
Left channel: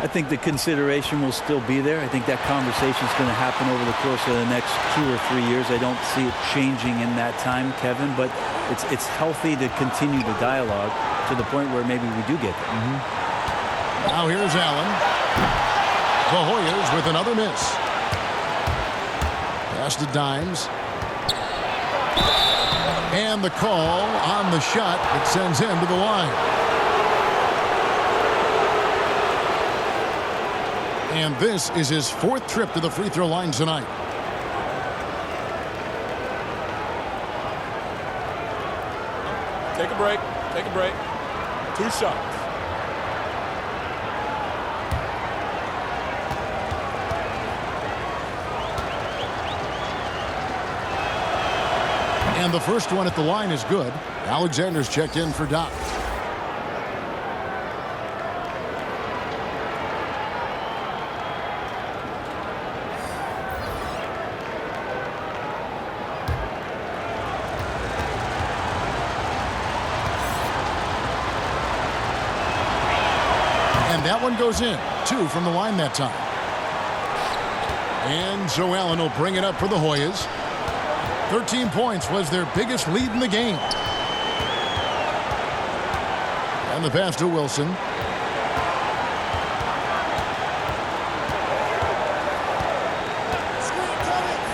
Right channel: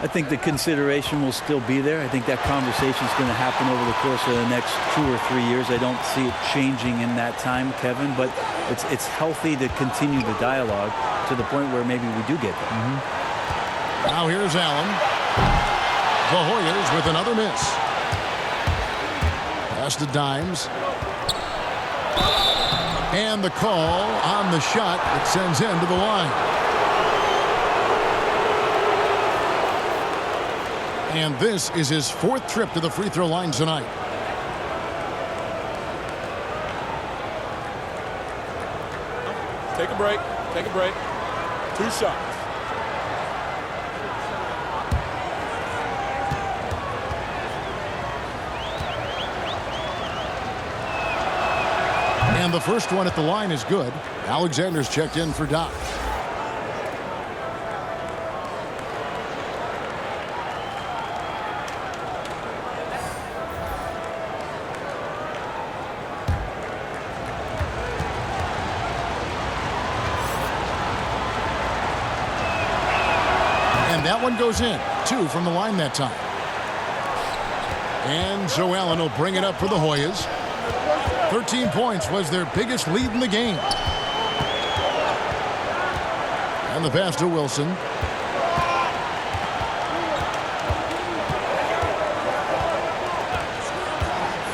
I think the consideration will still be there. I think that conversation is going to happen over the course of the next 2 or 3 years. I don't see it changing in that time, Kevin, but it's healthy to continue the dialogue to the point where maybe we do get there. Now here's Allen. The Hoyas with another miss. Pass to Dimes. And the call on the shot that sends him to the line. And this is his 4th trip to the free throw line tonight. Take a break. Take a break. 2 shots. And the first one at the line is good. Alexander's checked in for Doc. And that one goes in. 2 from the line that time. And so Allen will bring it up for the Hoyas. 13 points was their biggest lead in the game. And the pass to Wilson.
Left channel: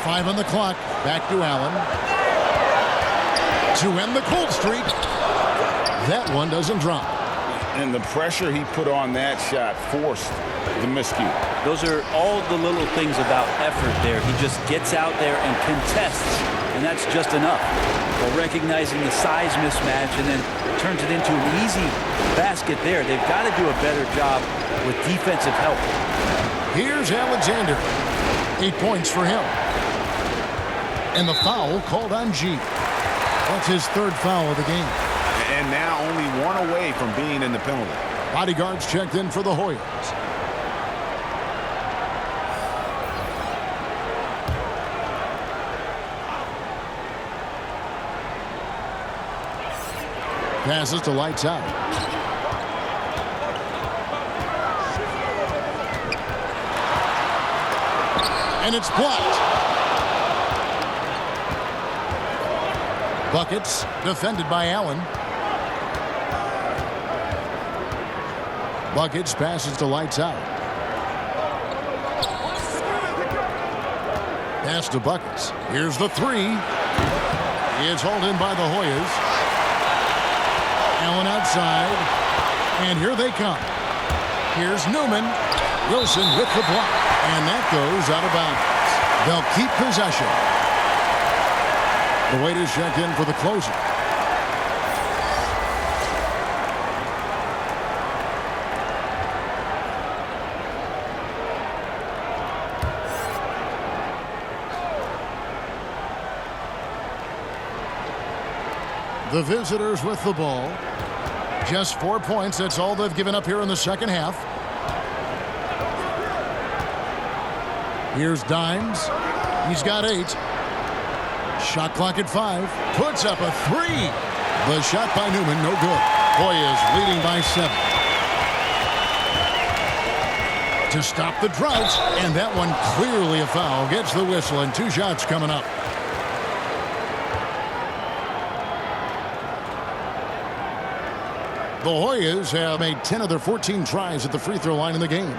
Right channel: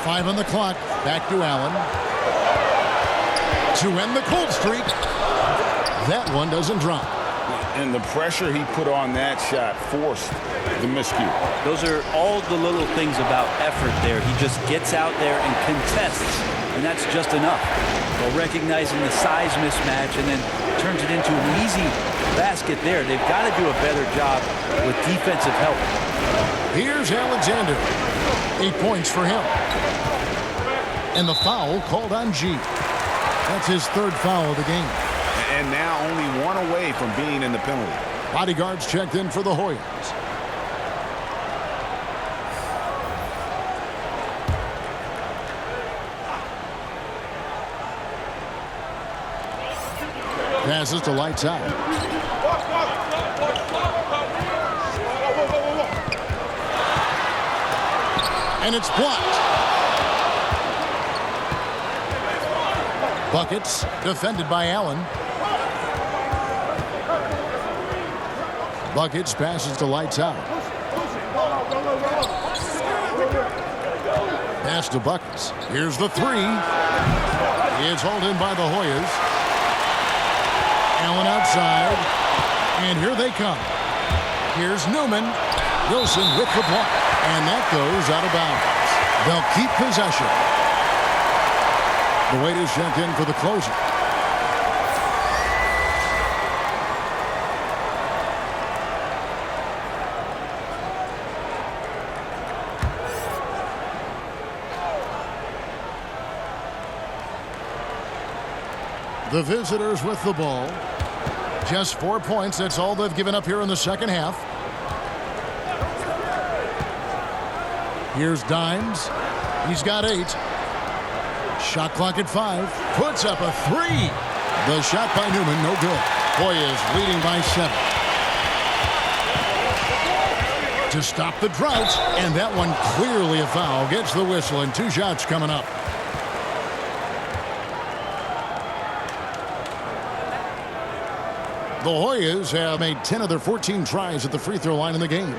Five on the clock. Back to Allen. To end the cold streak. That one doesn't drop. And the pressure he put on that shot forced the miscue. Those are all the little things about effort there. He just gets out there and contests, and that's just enough. While recognizing the size mismatch and then turns it into an easy basket there. They've got to do a better job with defensive help. Here's Alexander. 8 points for him. And the foul called on G. That's his 3rd foul of the game. And now only 1 away from being in the penalty. Bodyguards checked in for the Hoyas. Passes to lights out. And it's blocked. Buckets defended by Allen. Buckets passes to lights out. Pass to Buckets. Here's the 3. It's hauled in by the Hoyas. Allen outside. And here they come. Here's Newman. Wilson with the block. And that goes out of bounds. They'll keep possession. The waiters checked in for the closer. The visitors with the ball. Just 4 points. That's all they've given up here in the second half. Here's Dimes. He's got 8. Shot clock at 5. Puts up a 3. The shot by Newman, no good. Hoyas leading by 7. To stop the drought, and that one clearly a foul. Gets the whistle, and 2 shots coming up. The Hoyas have made 10 of their 14 tries at the free throw line in the game.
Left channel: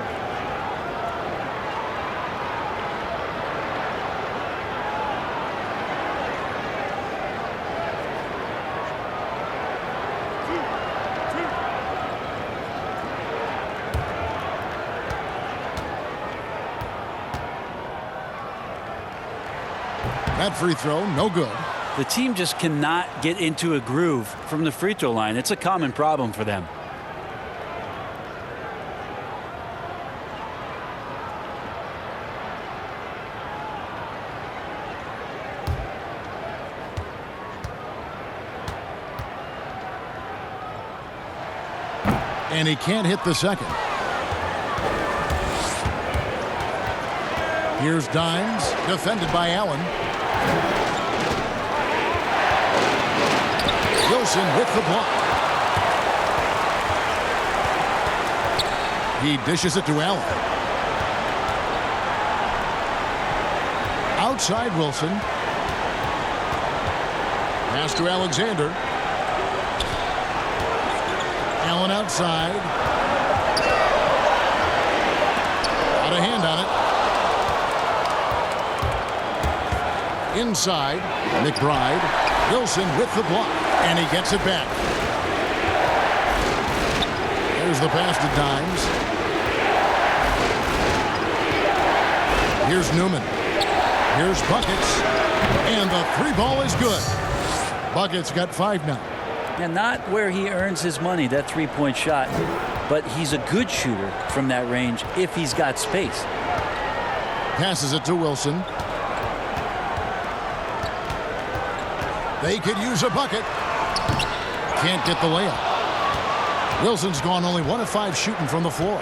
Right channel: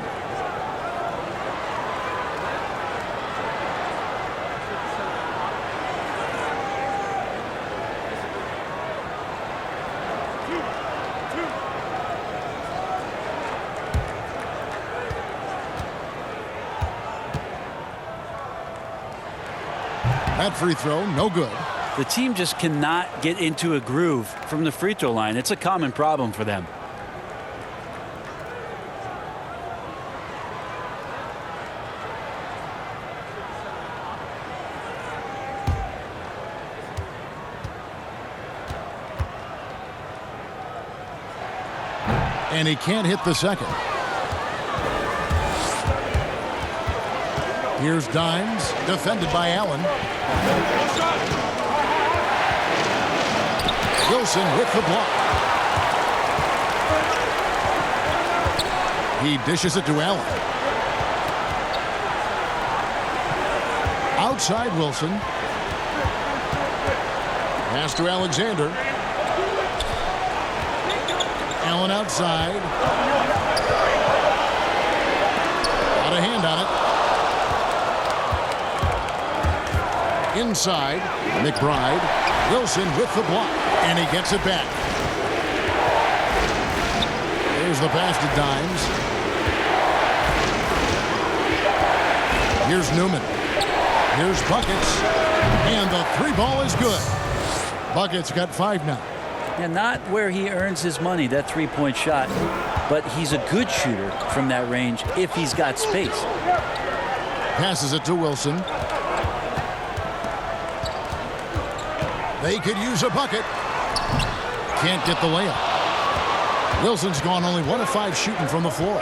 That free throw, no good. The team just cannot get into a groove from the free throw line. It's a common problem for them. And he can't hit the second. Here's Dimes, defended by Allen. Wilson with the block. He dishes it to Allen. Outside Wilson. Pass to Alexander. Allen outside. Got a hand on it. Inside, McBride. Wilson with the block. And he gets it back. Here's the pass to Dimes. Here's Newman. Here's Buckets. And the 3 ball is good. Buckets got 5 now. And not where he earns his money, that 3-point shot. But he's a good shooter from that range if he's got space. Passes it to Wilson. They could use a bucket. Can't get the layup. Wilson's gone only 1 of 5 shooting from the floor.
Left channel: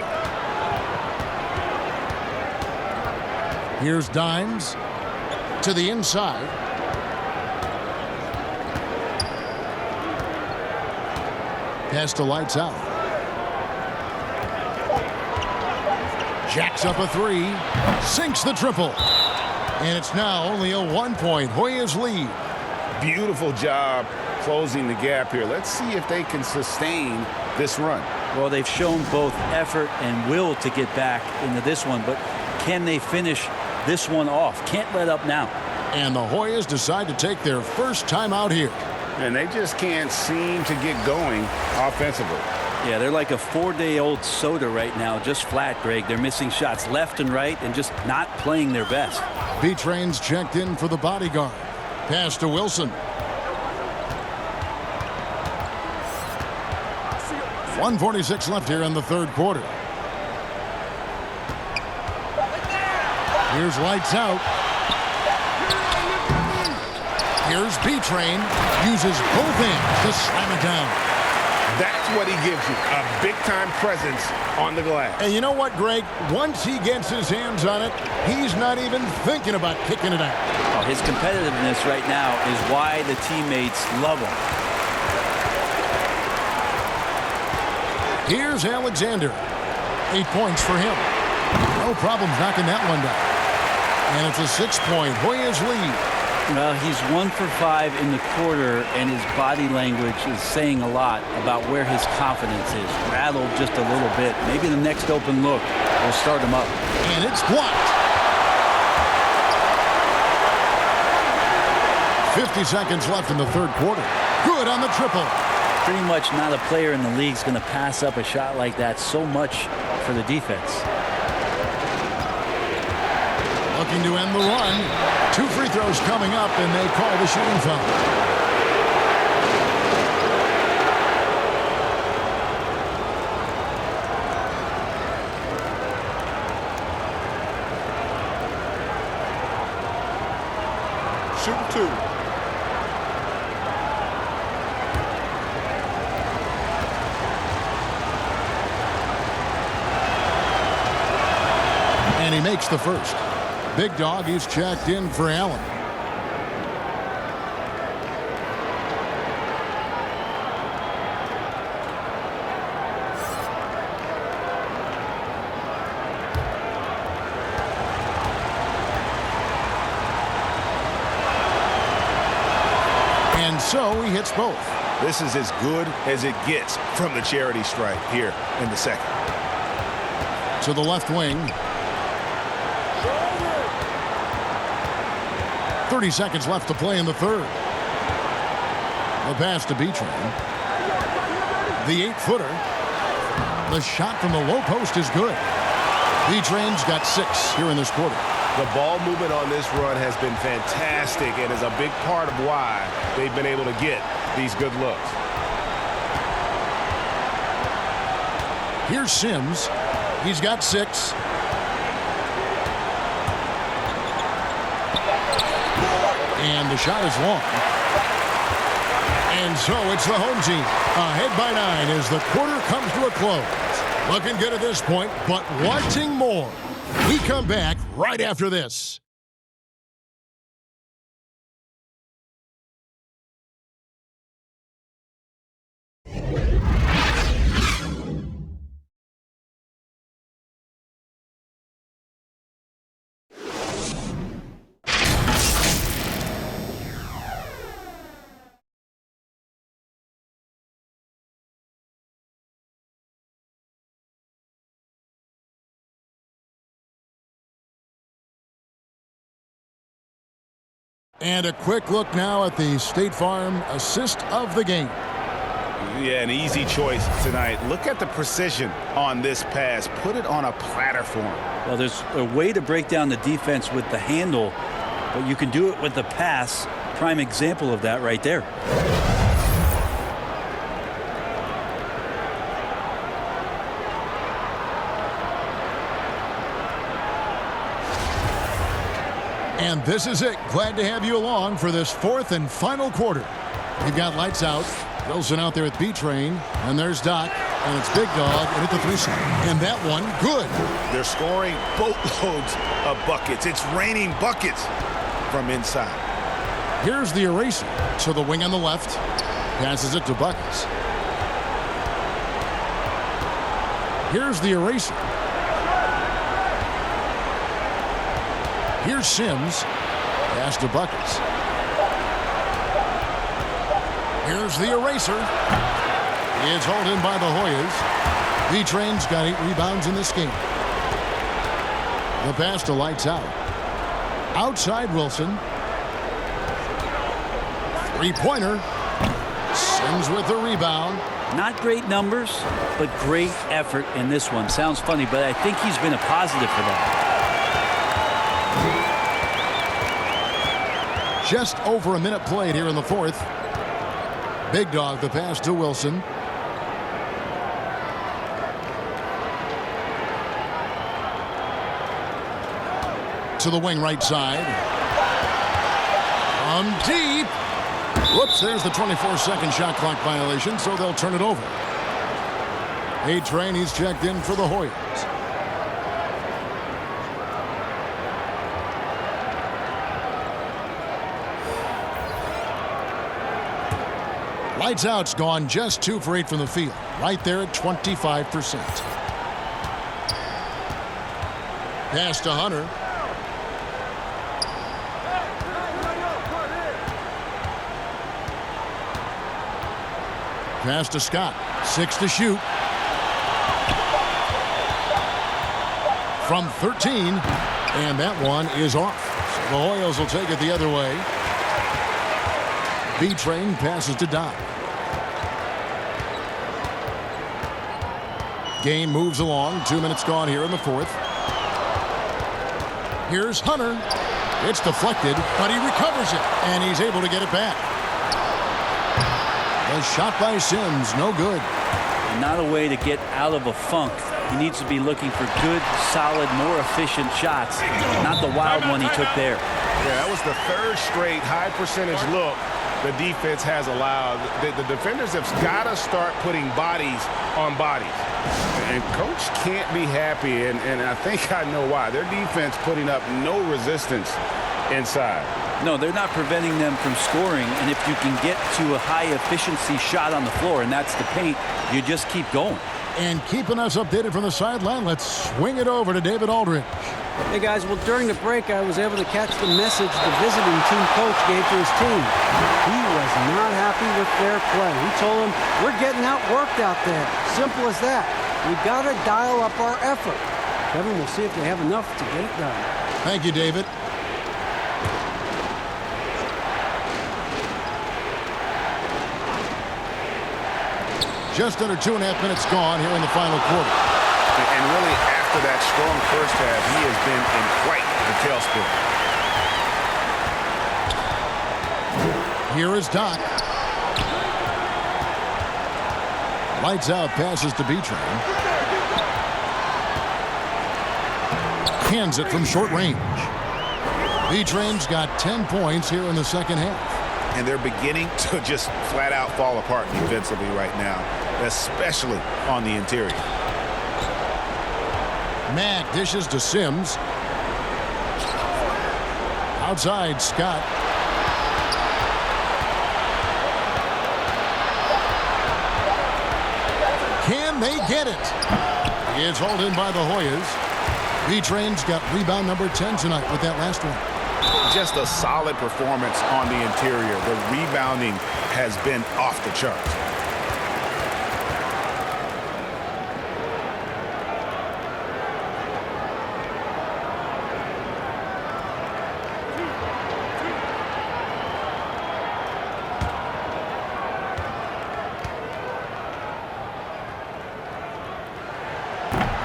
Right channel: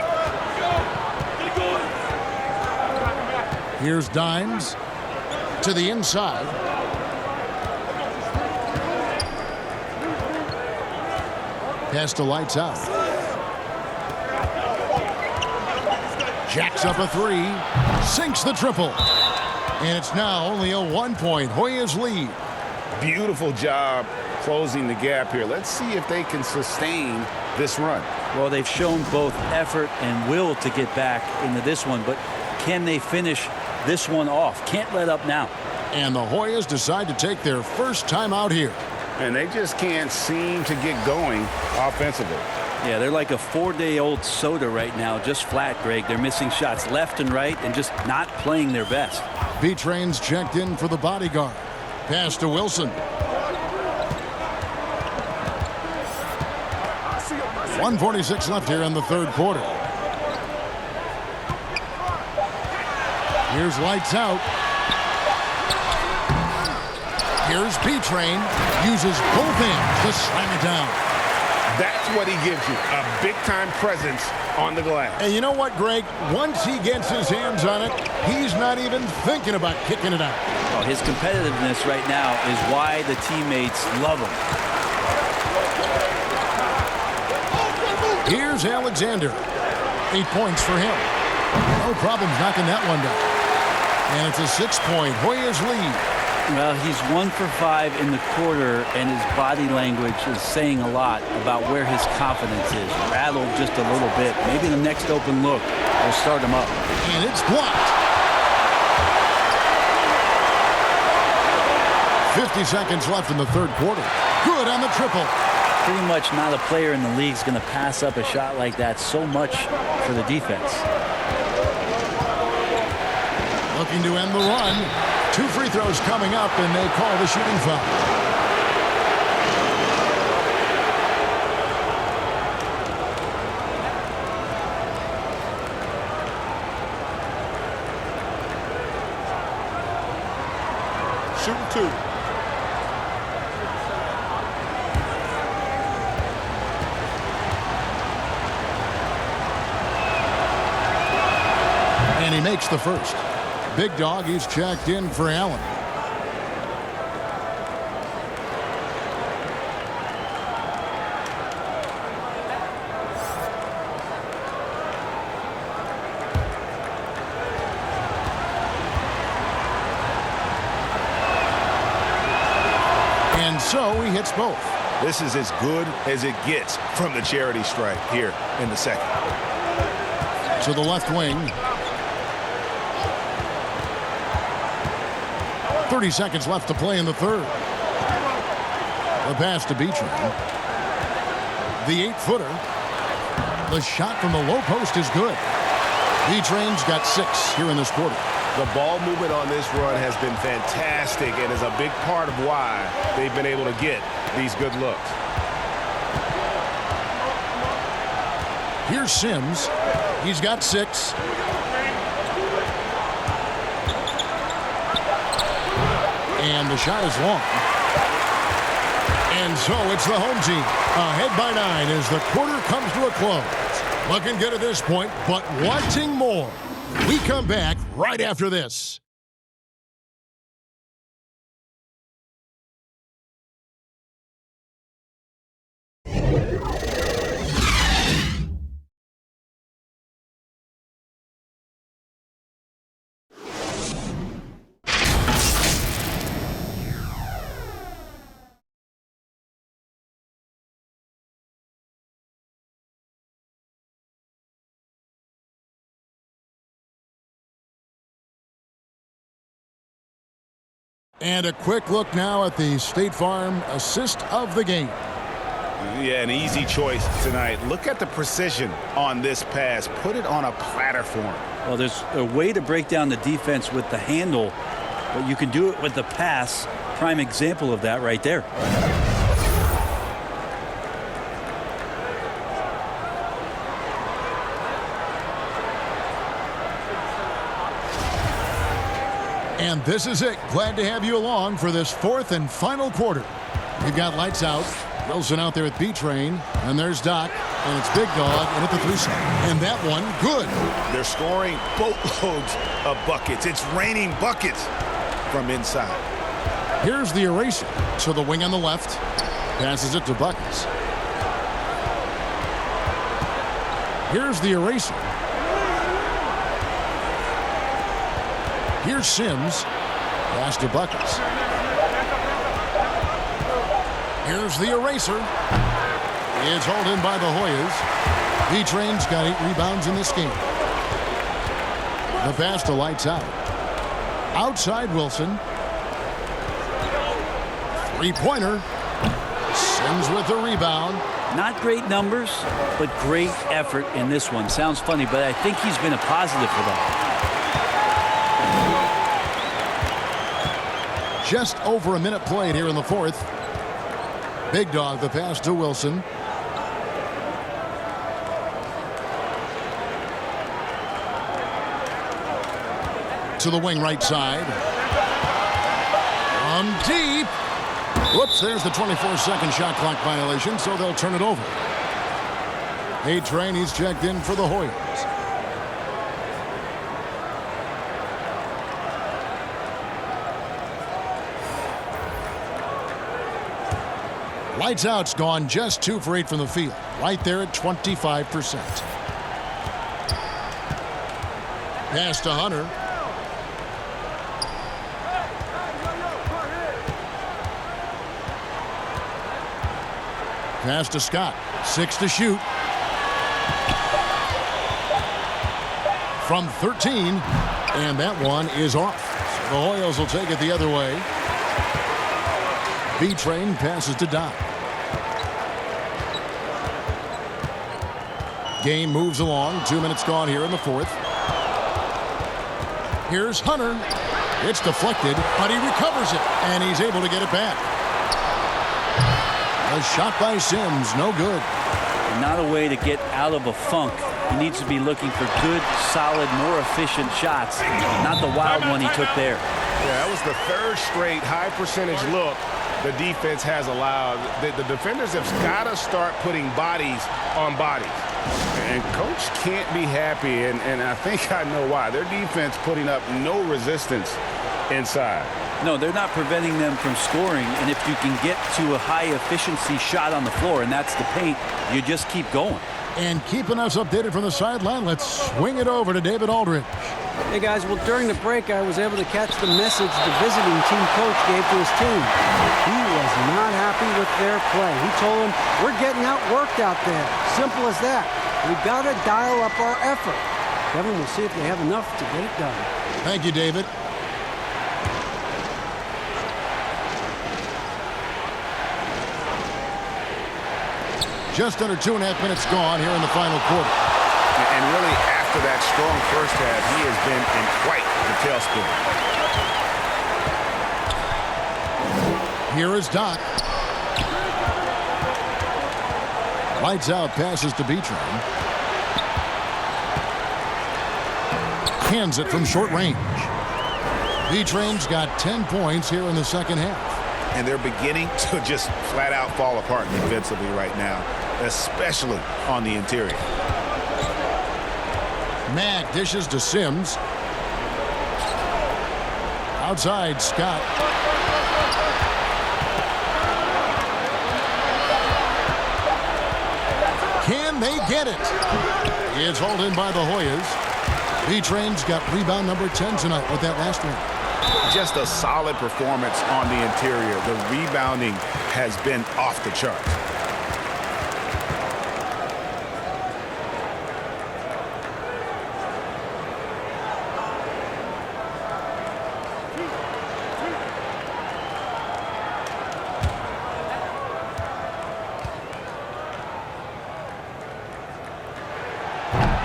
Here's Dimes to the inside. Pass to lights out. Jacks up a 3. Sinks the triple. And it's now only a 1-point Hoyas lead. Beautiful job closing the gap here. Let's see if they can sustain this run. Well, they've shown both effort and will to get back into this one, but can they finish this one off? Can't let up now. And the Hoyas decide to take their first time out here. And they just can't seem to get going offensively. Yeah, they're like a 4-day-old soda right now, just flat, Greg. They're missing shots left and right and just not playing their best. B-Train's checked in for the bodyguard. Pass to Wilson. 1:46 left here in the third quarter. Here's lights out. Here's B-Train. Uses both hands to slam it down. That's what he gives you, a big-time presence on the glass. And you know what, Greg? Once he gets his hands on it, he's not even thinking about kicking it out. Oh, his competitiveness right now is why the teammates love him. Here's Alexander. 8 points for him. No problems knocking that one down. And it's a 6-point Hoyas lead. Well, he's 1 for 5 in the quarter, and his body language is saying a lot about where his confidence is. Rattled just a little bit. Maybe the next open look will start him up. And it's blocked. 50 seconds left in the third quarter. Good on the triple. Pretty much not a player in the league is going to pass up a shot like that so much for the defense. Looking to end the run. 2 free throws coming up, and they call the shooting foul. Shooting 2. And he makes the first. Big Dog, he's checked in for Allen. And so he hits both. This is as good as it gets from the charity stripe here in the second. To the left wing. 30 seconds left to play in the third. The pass to B-Train. The 8-footer. The shot from the low post is good. B-Train's got 6 here in this quarter. The ball movement on this run has been fantastic and is a big part of why they've been able to get these good looks. Here's Sims. He's got 6. And the shot is long. And so it's the home team ahead by 9 as the quarter comes to a close. Looking good at this point, but wanting more. We come back right after this. And a quick look now at the State Farm assist of the game. Yeah, an easy choice tonight. Look at the precision on this pass. Put it on a platter for him. Well, there's a way to break down the defense with the handle, but you can do it with the pass. Prime example of that right there. And this is it. Glad to have you along for this fourth and final quarter. We've got lights out. Wilson out there at B-Train. And there's Doc. And it's Big Dog. And at the 3-side. And that one, good. They're scoring boatloads of buckets. It's raining buckets from inside. Here's the eraser. To the wing on the left. Passes it to Buckets. Here's the eraser. Here's Sims. Pass to Buckets. Here's the eraser. It's hauled in by the Hoyas. B-Train's got 8 rebounds in this game. The pass to lights out. Outside Wilson. 3-pointer. Sims with the rebound. Not great numbers, but great effort in this one. Sounds funny, but I think he's been a positive for that. Just over a minute played here in the fourth. Big Dog, the pass to Wilson. To the wing right side. From deep. Whoops, there's the 24-second shot clock violation, so they'll turn it over. A-Train, he's checked in for the Hoyas. Lights out's gone just 2 for 8 from the field. Right there at 25%. Pass to Hunter. Pass to Scott. 6 to shoot. From 13. And that one is off. So the Hoyas will take it the other way. B-Train passes to Doc. Game moves along. 2 minutes gone here in the fourth. Here's Hunter. It's deflected, but he recovers it, and he's able to get it back. The shot by Sims, no good. And not a way to get out of a funk. He needs to be looking for good, solid, more efficient shots, not the wild one he took there. Yeah, that was the third straight high percentage look the defense has allowed. The defenders have got to start putting bodies on bodies. And coach can't be happy, and I think I know why. Their defense putting up no resistance inside. No, they're not preventing them from scoring, and if you can get to a high-efficiency shot on the floor, and that's the paint, you just keep going. And keeping us updated from the sideline, let's swing it over to David Aldridge. Hey, guys, well, during the break, I was able to catch the message the visiting team coach gave to his team. He was not happy with their play. He told them, we're getting outworked out there. Simple as that. We've got to dial up our effort. Kevin, we'll see if they have enough to get it done. Thank you, David. Just under 2.5 minutes gone here in the final quarter. And really, after that strong first half, he has been in quite the tailspin. Here is Doc. Lights out, passes to B-Train. Hands it from short range. B-Train's got 10 points here in the second half. And they're beginning to just flat out fall apart defensively right now, especially on the interior. Mack dishes to Sims. Outside, Scott. Can they get it? It's hauled in by the Hoyas. B-Train's got rebound number 10 tonight with that last one. Just a solid performance on the interior. The rebounding has been off the charts.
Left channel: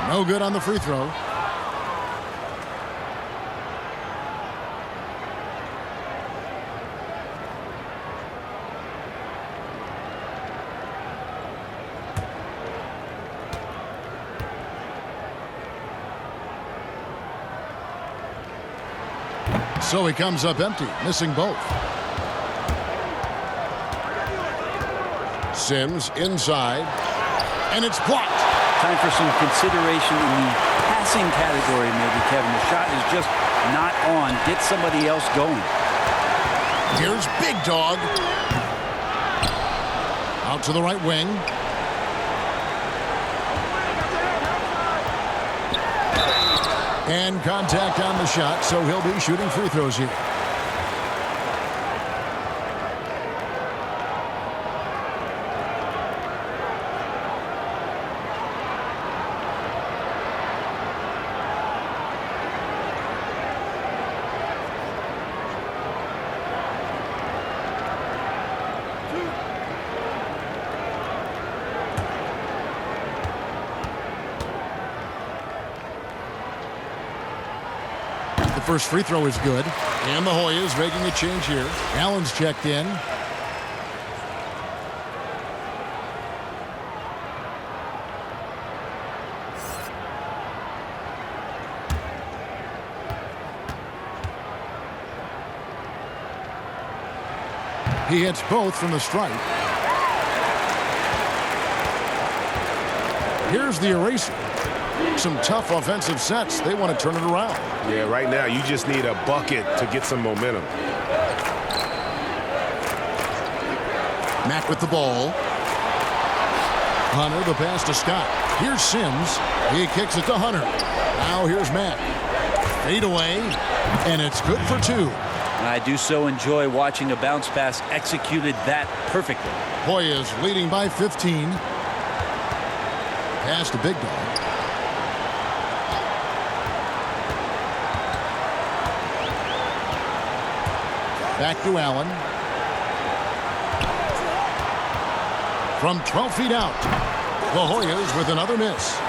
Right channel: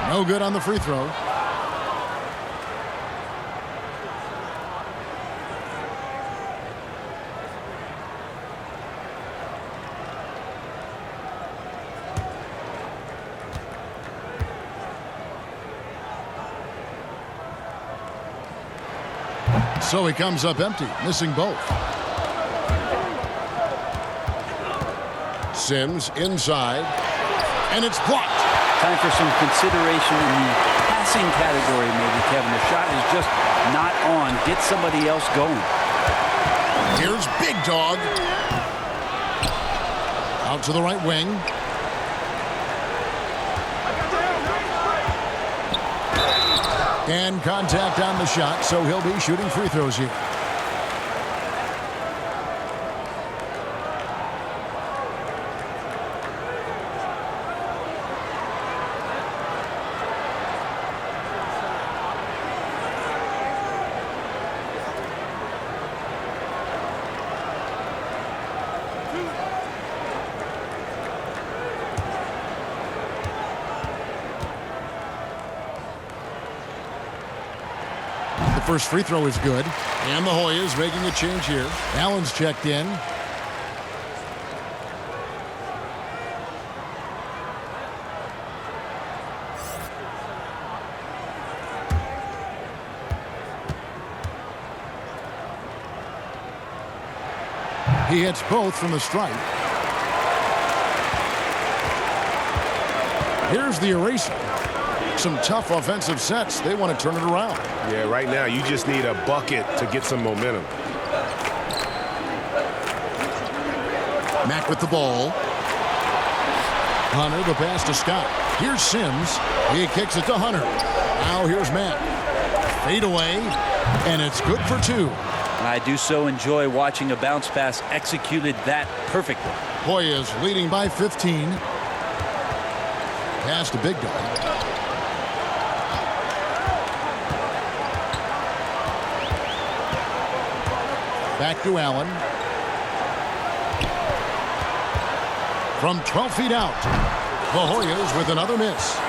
No good on the free throw. So he comes up empty, missing both. Sims inside, and it's blocked. Time for some consideration in the passing category, maybe, Kevin. The shot is just not on. Get somebody else going. Here's Big Dog. Out to the right wing. And contact on the shot, so he'll be shooting free throws here. The first free throw is good. And the Hoyas making a change here. Allen's checked in. He hits both from the stripe. Here's the eraser. Some tough offensive sets. They want to turn it around. Yeah, right now you just need a bucket to get some momentum. Mack with the ball. Hunter, the pass to Scott. Here's Sims. He kicks it to Hunter. Now here's Mack. Fade away, and it's good for two. I do so enjoy watching a bounce pass executed that perfectly. Hoyas leading by 15. Pass to Big Dog. Back to Allen. From 12 feet out, the Hoyas with another miss.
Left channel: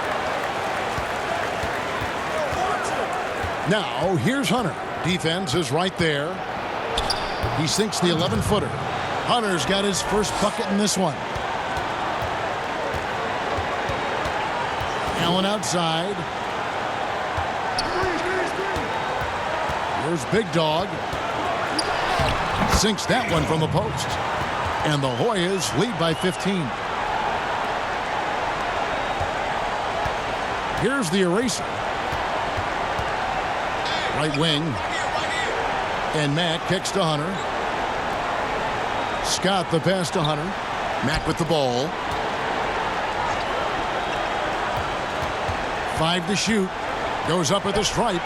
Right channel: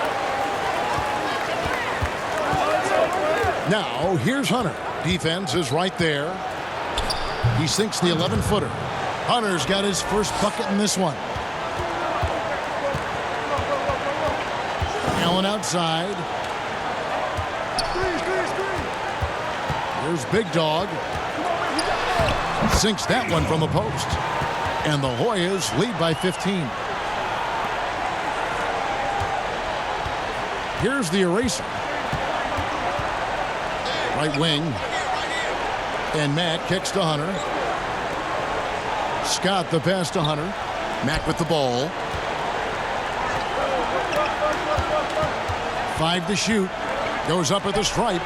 Now, here's Hunter. Defense is right there. He sinks the 11-footer. Hunter's got his first bucket in this one. Allen outside. Here's Big Dog. Sinks that one from the post. And the Hoyas lead by 15. Here's the eraser. Right wing. And Mack kicks to Hunter. Scott the pass to Hunter. Mack with the ball. 5 to shoot. Goes up at the stripe.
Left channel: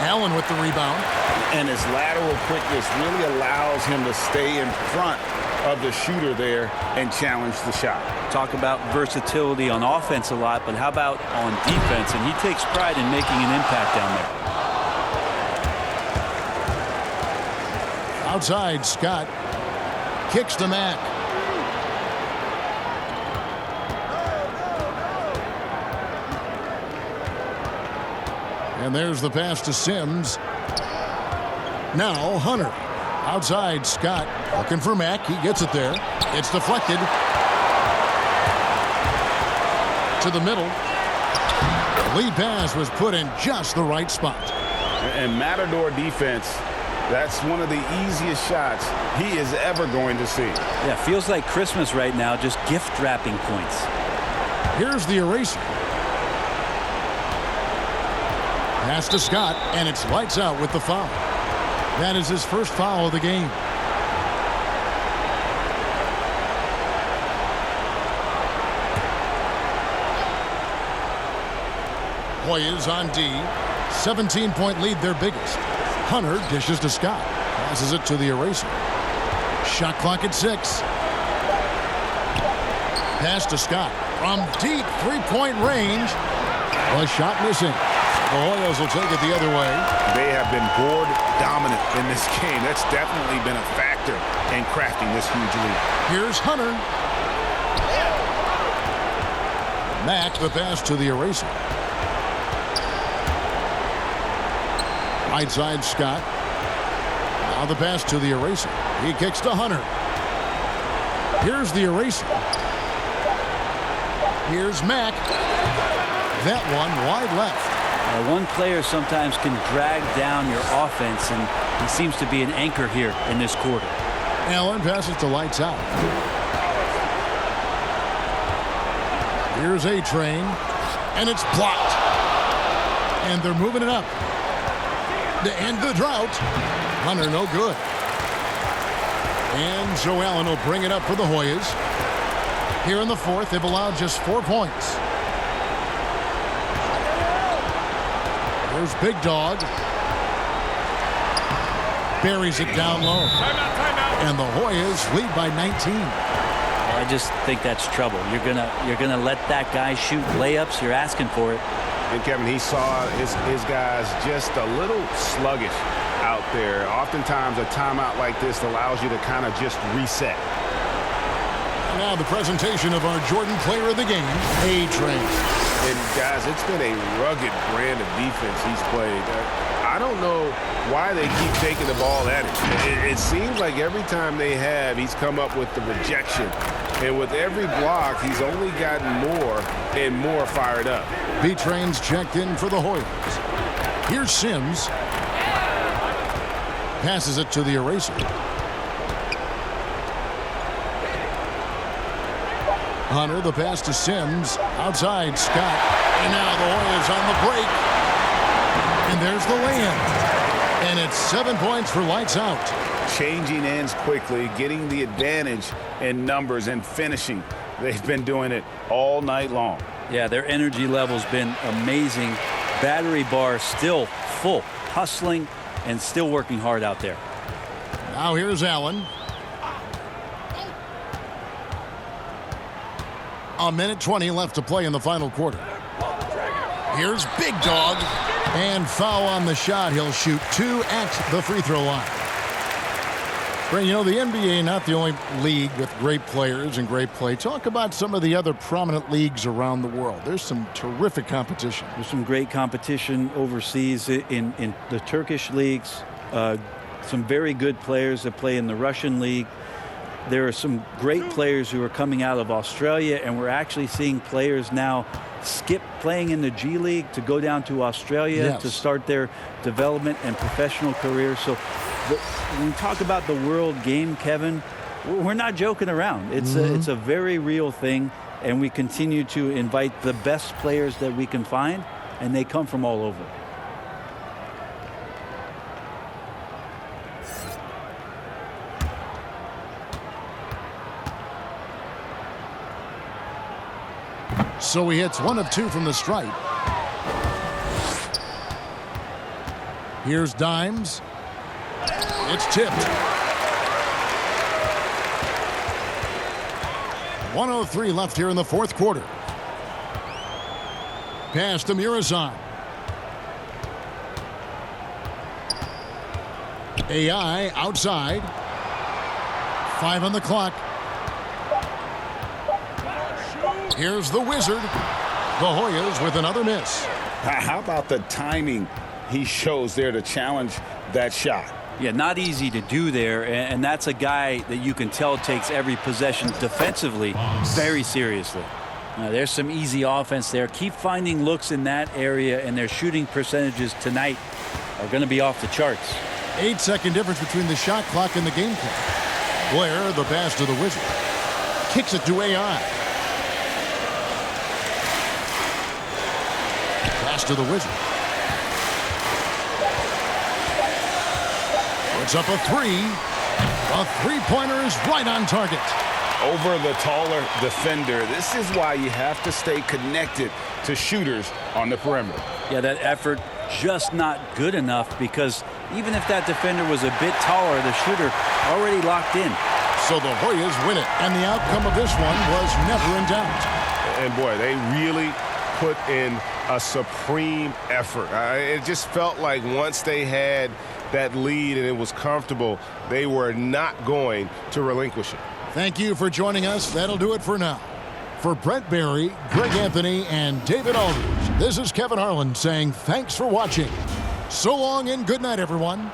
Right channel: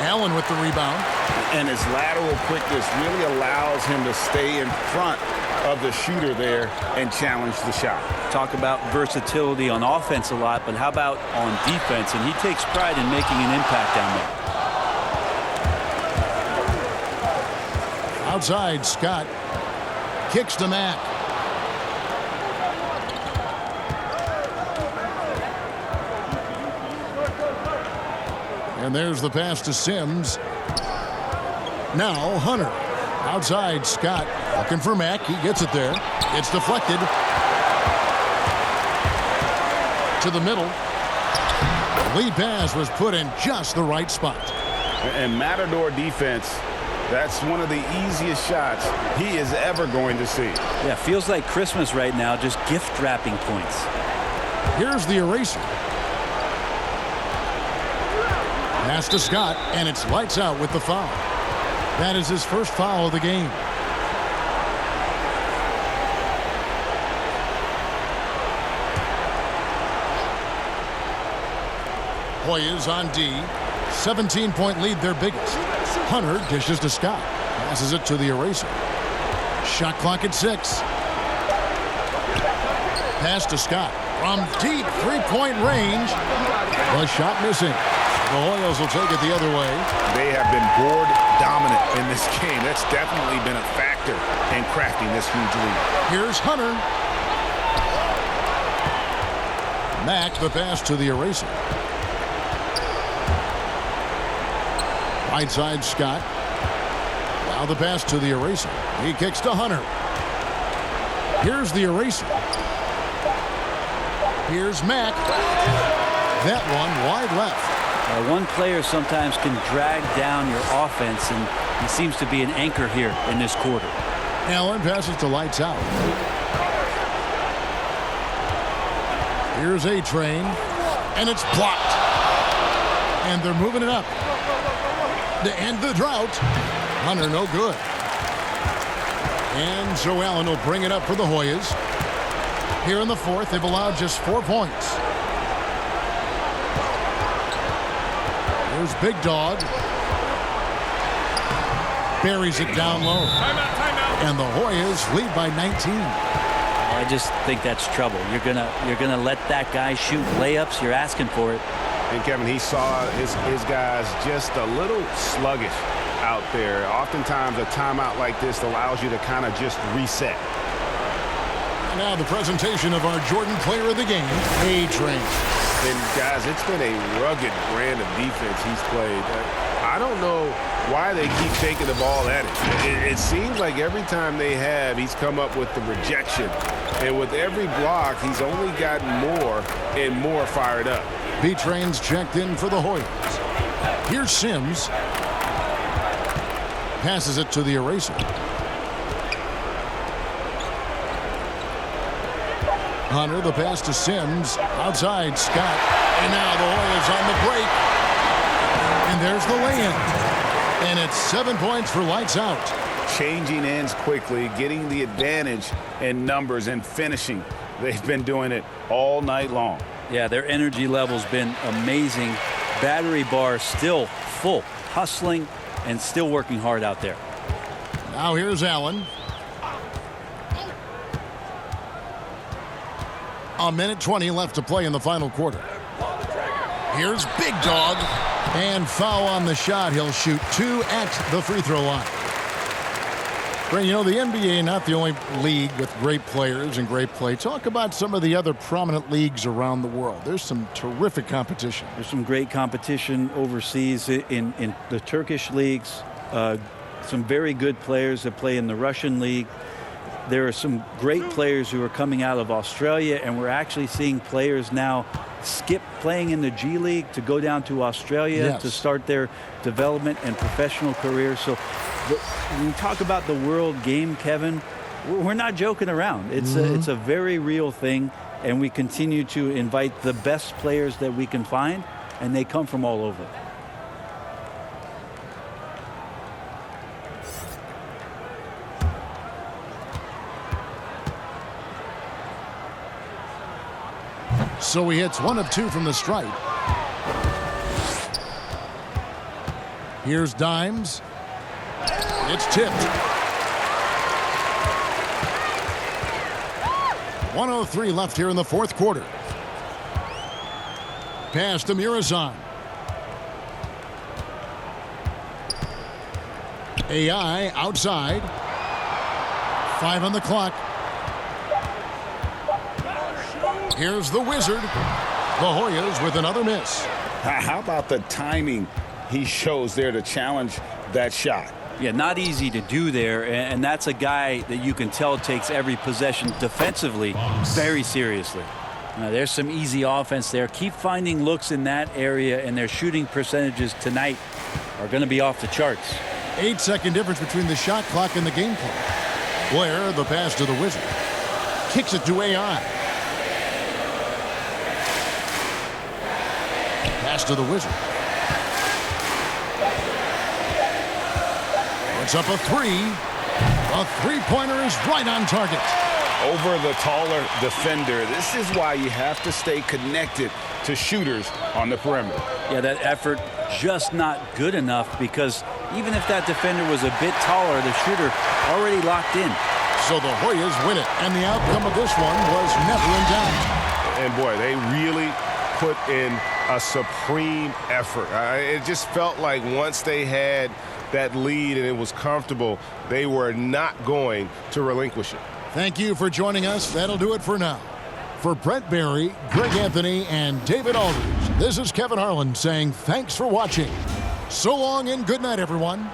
Allen with the rebound. And his lateral quickness really allows him to stay in front of the shooter there and challenge the shot. Talk about versatility on offense a lot, but how about on defense? And he takes pride in making an impact down there. Outside, Scott kicks to Mack. And there's the pass to Sims. Now Hunter. Outside, Scott looking for Mack. He gets it there. It's deflected. To the middle. The lead pass was put in just the right spot. And Matador defense, that's one of the easiest shots he is ever going to see. Yeah, feels like Christmas right now, just gift wrapping points. Here's the eraser. Pass to Scott, and it's lights out with the foul. That is his first foul of the game. Hoyas on D. 17-point lead, their biggest. Hunter dishes to Scott. Passes it to the eraser. Shot clock at 6. Pass to Scott. From deep three-point range. The shot missing. The Hoyas will take it the other way. They have been board dominant in this game. That's definitely been a factor in crafting this huge lead. Here's Hunter. Mack the pass to the eraser. Right side, Scott. Now the pass to the eraser. He kicks to Hunter. Here's the eraser. Here's Mack. That one wide left. One player sometimes can drag down your offense, and he seems to be an anchor here in this quarter. Allen passes to lights out. Here's A-Train, and it's blocked. And they're moving it up. To end the drought. Hunter no good. And Joe Allen will bring it up for the Hoyas. Here in the fourth, they've allowed just 4 points. Here's Big Dog. Buries it down low. Timeout. And the Hoyas lead by 19. I just think that's trouble. You're gonna let that guy shoot layups. You're asking for it. And Kevin, he saw his guys just a little sluggish out there. Oftentimes a timeout like this allows you to kind of just reset. And now the presentation of our Jordan Player of the Game, A-Train. And guys, it's been a rugged brand of defense he's played. I don't know why they keep taking the ball at him. It seems like every time they have, he's come up with the rejection. And with every block, he's only gotten more and more fired up. B-Train's checked in for the Hoyas. Here's Sims. Passes it to the eraser. Hunter, the pass to Sims. Outside, Scott. And now the Hoyas on the break. And there's the lay-in. And it's 7 points for lights out. Changing ends quickly, getting the advantage in numbers and finishing. They've been doing it all night long. Yeah, their energy level's been amazing. Battery bar still full, hustling and still working hard out there. Now here's Allen. A minute 20 left to play in the final quarter. Here's Big Dog. And foul on the shot. He'll shoot 2 at the free throw line. Brent, you know, the NBA, not the only league with great players and great play. Talk about some of the other prominent leagues around the world. There's some terrific competition. There's some great competition overseas in the Turkish leagues. Some very good players that play in the Russian league. There are some great players who are coming out of Australia, and we're actually seeing players now skip playing in the G League to go down to Australia to start their development and professional career. So when we talk about the world game, Kevin, we're not joking around. It's a very real thing, and we continue to invite the best players that we can find, and they come from all over. So he hits 1 of 2 from the stripe. Here's Dimes. It's tipped. 1:03 left here in the fourth quarter. Pass to Murazan. AI outside. 5 on the clock. Here's the Wizard. The Hoyas with another miss. How about the timing he shows there to challenge that shot? Yeah, not easy to do there, and that's a guy that you can tell takes every possession defensively very seriously. There's some easy offense there. Keep finding looks in that area, and their shooting percentages tonight are going to be off the charts. 8-second difference between the shot clock and the game clock. Blair, the pass to the Wizard. Kicks it to AI. Pass to the Wizard. Puts up a 3. A three-pointer is right on target. Over the taller defender. This is why you have to stay connected to shooters on the perimeter. Yeah, that effort just not good enough, because even if that defender was a bit taller, the shooter already locked in. So the Hoyas win it, and the outcome of this one was never in doubt. And boy, they really put in a supreme effort. It just felt like once they had that lead and it was comfortable, they were not going to relinquish it. Thank you for joining us. That'll do it for now. For Brent Barry, Greg Anthony, and David Aldridge, this is Kevin Harlan saying thanks for watching. So long and good night, everyone.